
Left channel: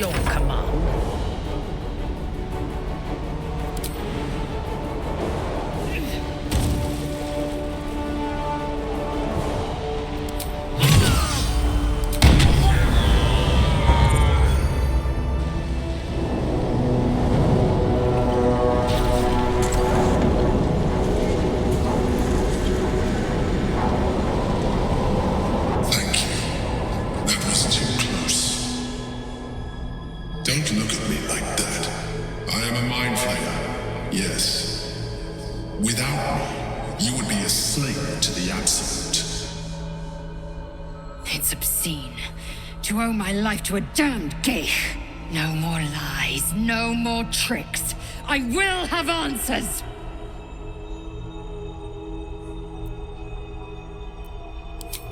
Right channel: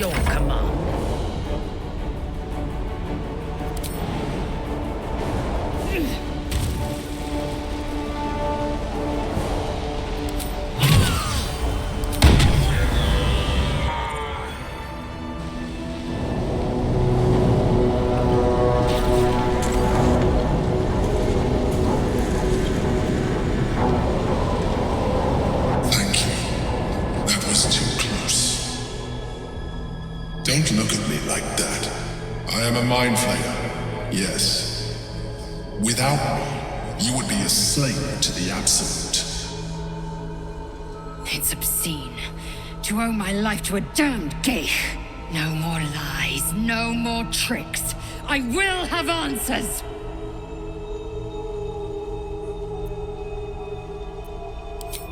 your command. Thank you. That was too close. Don't look at me like that. I am a mind flayer. Yes. Without me, you would be a slave to the Absolute. It's obscene to owe my life to a damned geich. No more lies, no more tricks. I will have answers!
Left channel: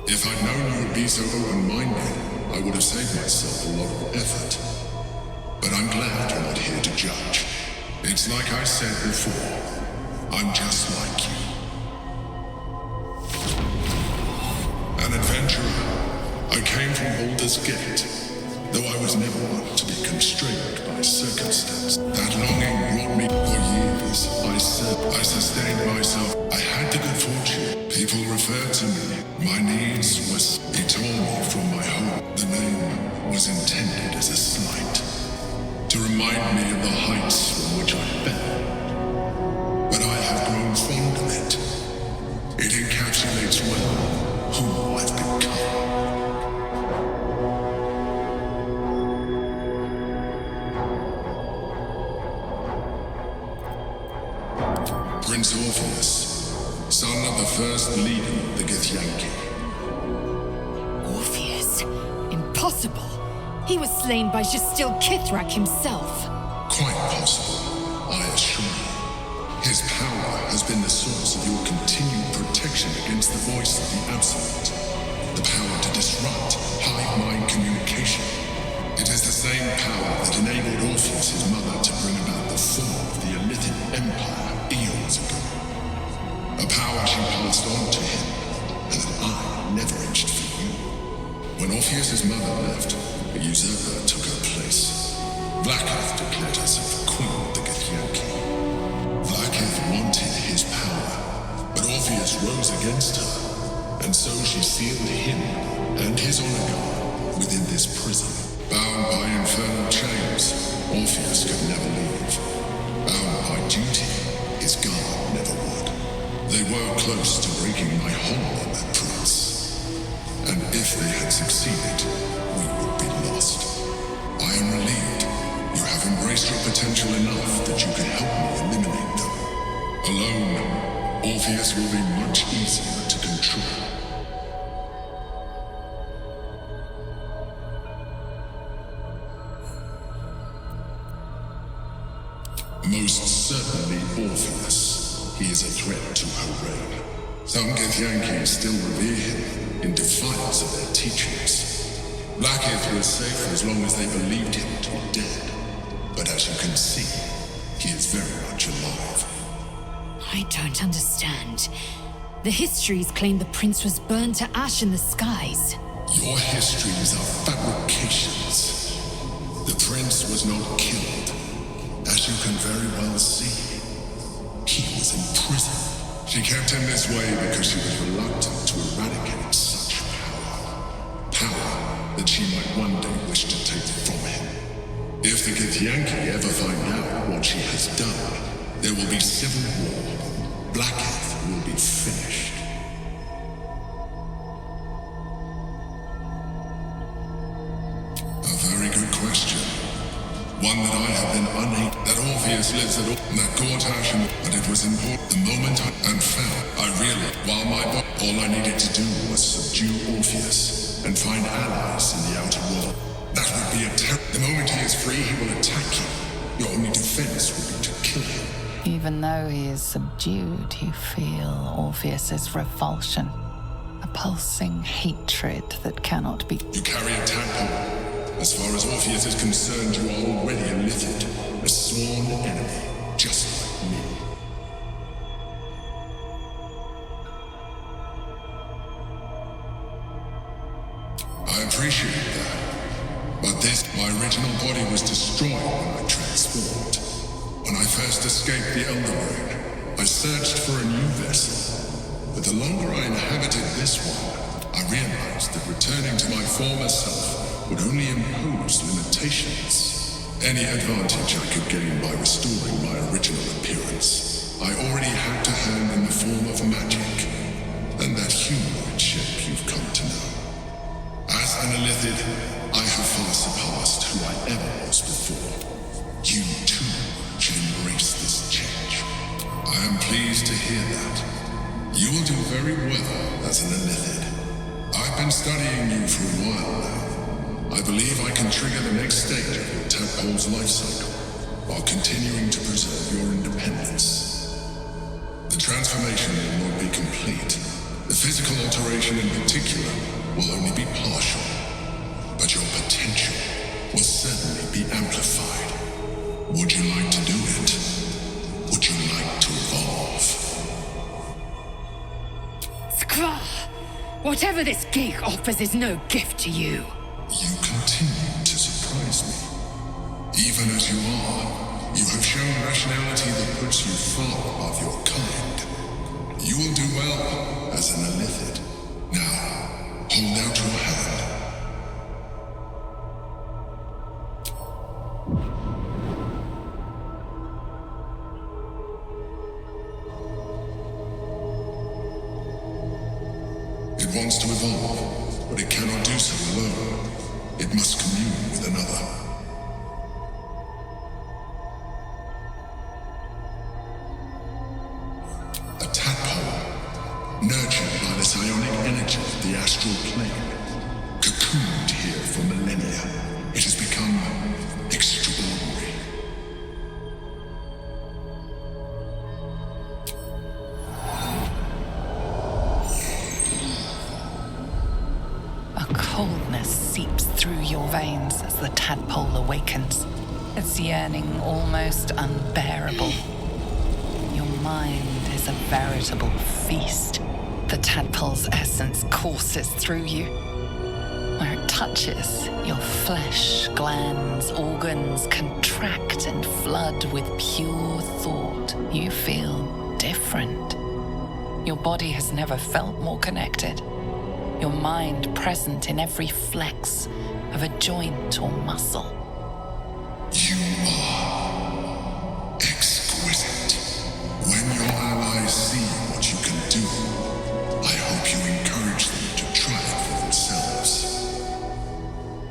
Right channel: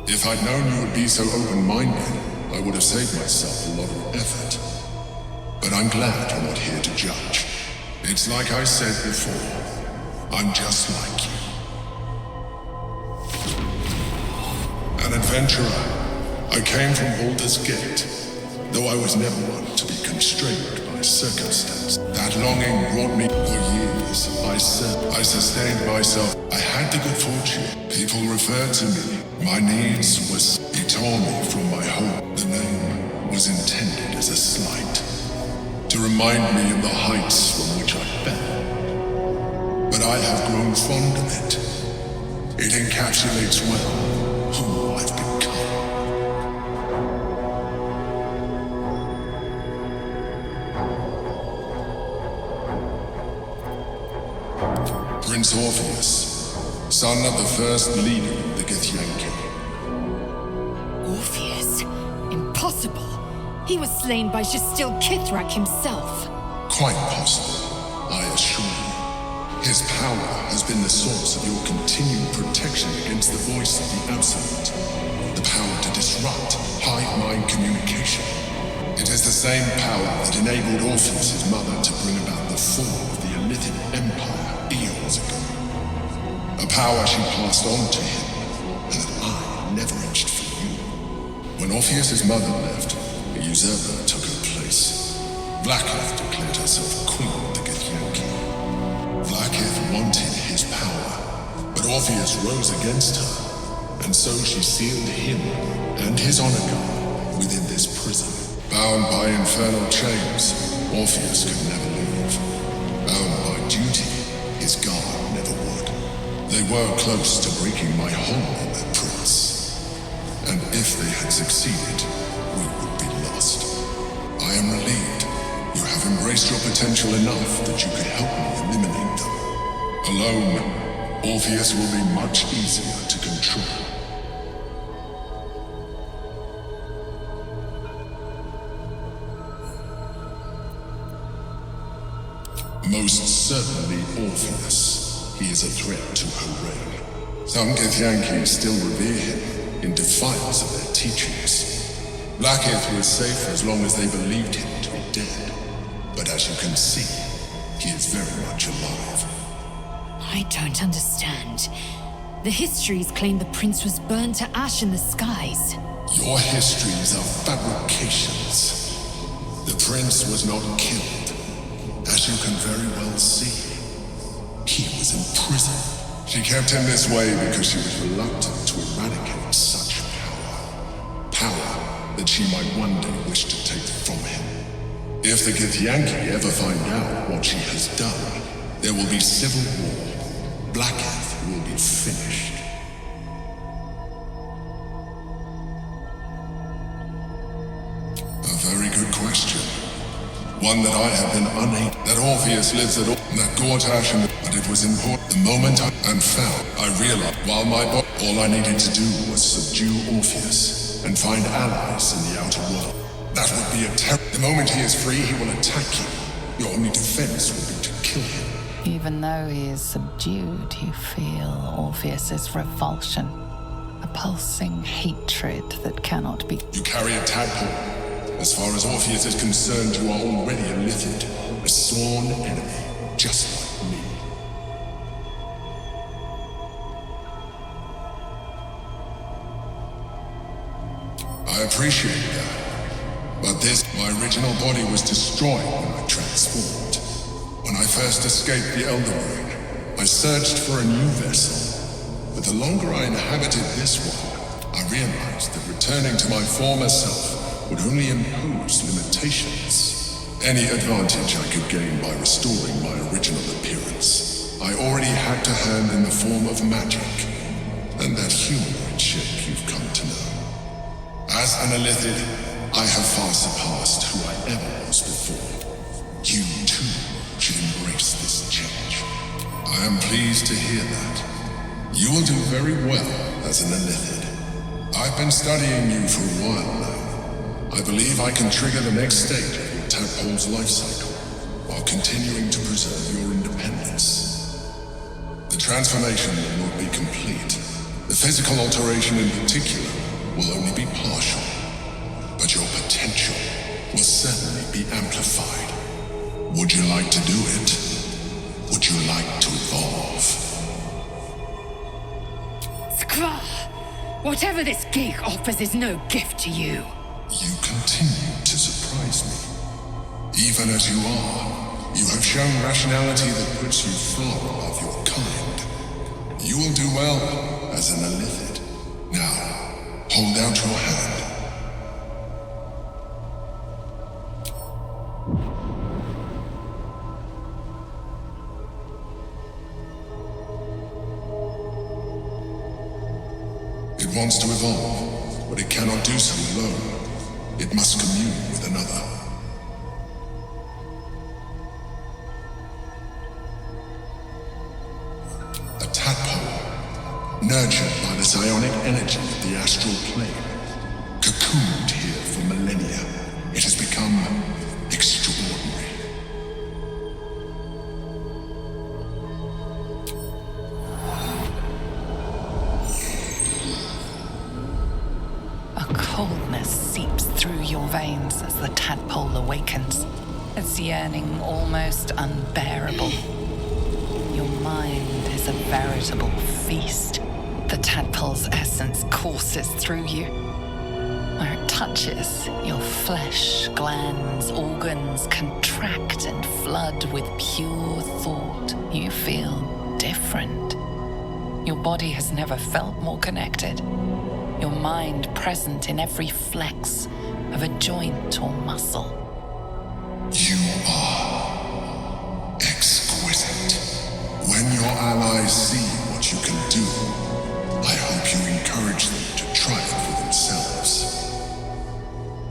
If I'd known you would be so open-minded, I would have saved myself a lot of effort. But I'm glad you're not here to judge. It's like I said before, I'm just like you. An adventurer. I came from Baldur's Gate, though I was never one to be constrained by circumstance. That longing brought me for years. I sustained myself. I had the good fortune. People referred to me. My needs was... He tore me from my home. The name was intended as a slight, to remind me of the heights from which I fell. But I have grown fond of it. It encapsulates well who I've become. Prince Orpheus, son of the first leader of the Githyanki. Orpheus? Impossible! He was slain by Jastil Kithrak himself. Quite possible, I assure you. His power has been the source of your continued protection against the voice of the Absolute. The power to disrupt hive mind communication. It is the same power that enabled Orpheus, his mother, to bring about the fall of the Illithid Empire eons ago. A power she passed on to him, and that I leveraged for you. When Orpheus's mother left, a usurper took her place. Vlaakith declared herself queen of the Githyanki. Vlaakith wanted his power, but Orpheus rose against her, and so she sealed him and his honor guard within this prison. Bound by infernal chains, Orpheus could never leave. Bound by duty, his guard never would. They were close to breaking my hold on that prince. And if they had succeeded, we would be lost. I am relieved. You have embraced your potential enough that you could help me eliminate them. Alone, Orpheus will be much easier to control. Most certainly Orpheus. He is a threat to her reign. Some Githyanki still revere him in defiance of their teachings. Vlaakith was safe as long as they believed him to be dead. But as you can see, he is very much alive. I don't understand. The histories claim the prince was burned to ash in the skies. Your histories are fabrications. The prince was not killed. As you can very well see, he was in prison. She kept him this way because she was reluctant to eradicate such power. Power that she might one day wish to take from him. If the Githyanki ever find out what she has done, there will be civil war. Vlaakith will be finished. A very good question. One that I have been unable. That Orpheus lives at all. That Gortash and but it was important. The moment and found, I realized while my body, all I needed to do was subdue Orpheus and find allies in the outer world. That would be a The moment he is free, he will attack you. Your only defense would be to kill him. Even though he is subdued, you feel Orpheus's revulsion. A pulsing hatred that cannot be... You carry a tadpole. As far as Orpheus is concerned, you are already a Illithid, a sworn enemy, just like me. I appreciate that. But my original body was destroyed when I transformed. When I first escaped the Elder Brain, I searched for a new vessel. But the longer I inhabited this one, I realized that returning to my former self would only impose limitations. Any advantage I could gain by restoring my original appearance, I already had to hand in the form of magic, and that humanoid shape you've come to know. As an Illithid, I have far surpassed who I ever was before. You, too, should embrace this change. I am pleased to hear that. You will do very well as an Illithid. I've been studying you for a while now. I believe I can trigger the next stage of your tadpole's life cycle, while continuing to preserve your independence. The transformation will not be complete. The physical alteration in particular will only be partial. But your potential will certainly be amplified. Would you like to do it? Would you like to evolve? Skvar! Whatever this gig offers is no gift to you. You continue to surprise me. Even as you are, you have shown rationality that puts you far above your kind. You will do well as an Illithid. Now, hold out your hand. It wants to evolve, but it cannot do so alone. It must commune with another. A tadpole, nurtured by the psionic energy of the astral plane, cocooned here for millennia, it has become extraordinary. A coldness seeps through your veins as the tadpole awakens, its yearning almost unbearable. Your mind is a veritable feast. The tadpole's essence courses through you. Where it touches, your flesh, glands, organs contract and flood with pure thought. You feel different. Your body has never felt more connected. Your mind present in every flex of a joint or muscle. You are exquisite. When your allies see what you can do, I hope you encourage them to try it for themselves.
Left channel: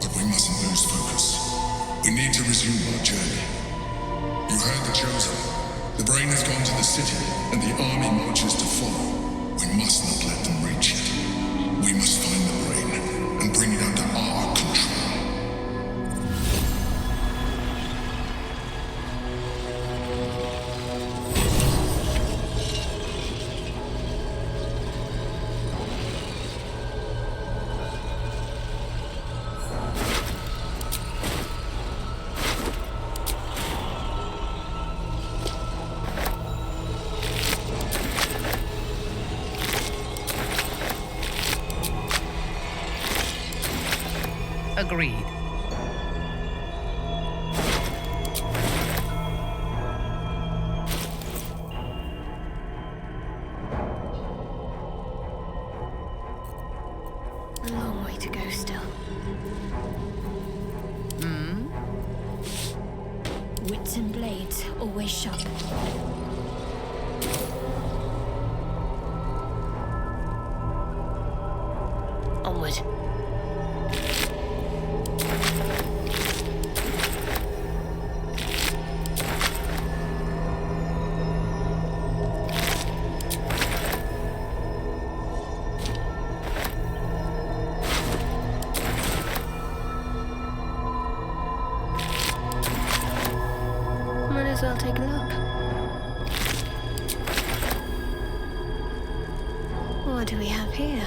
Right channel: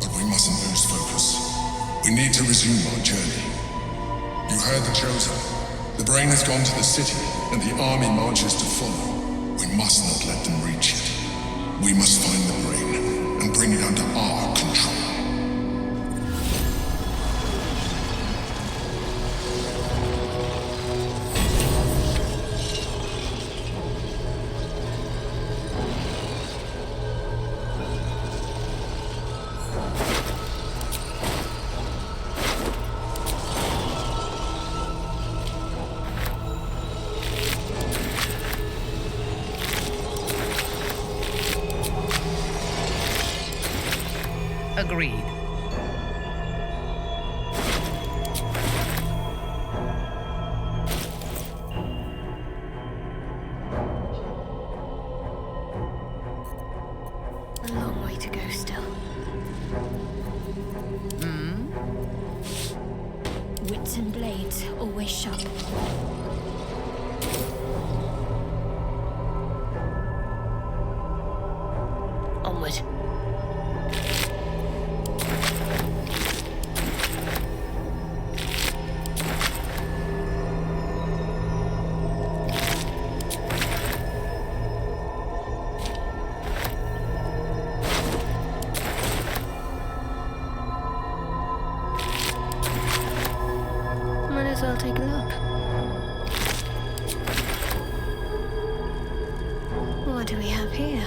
But we mustn't lose focus. We need to resume our journey. You heard the Chosen. The brain has gone to the city, and the army marches to follow. We must not let them reach it. We must find the brain and bring it under our control. Agreed. A long way to go still. Wits and blades, always sharp. Onward. Might as well take a look. What do we have here?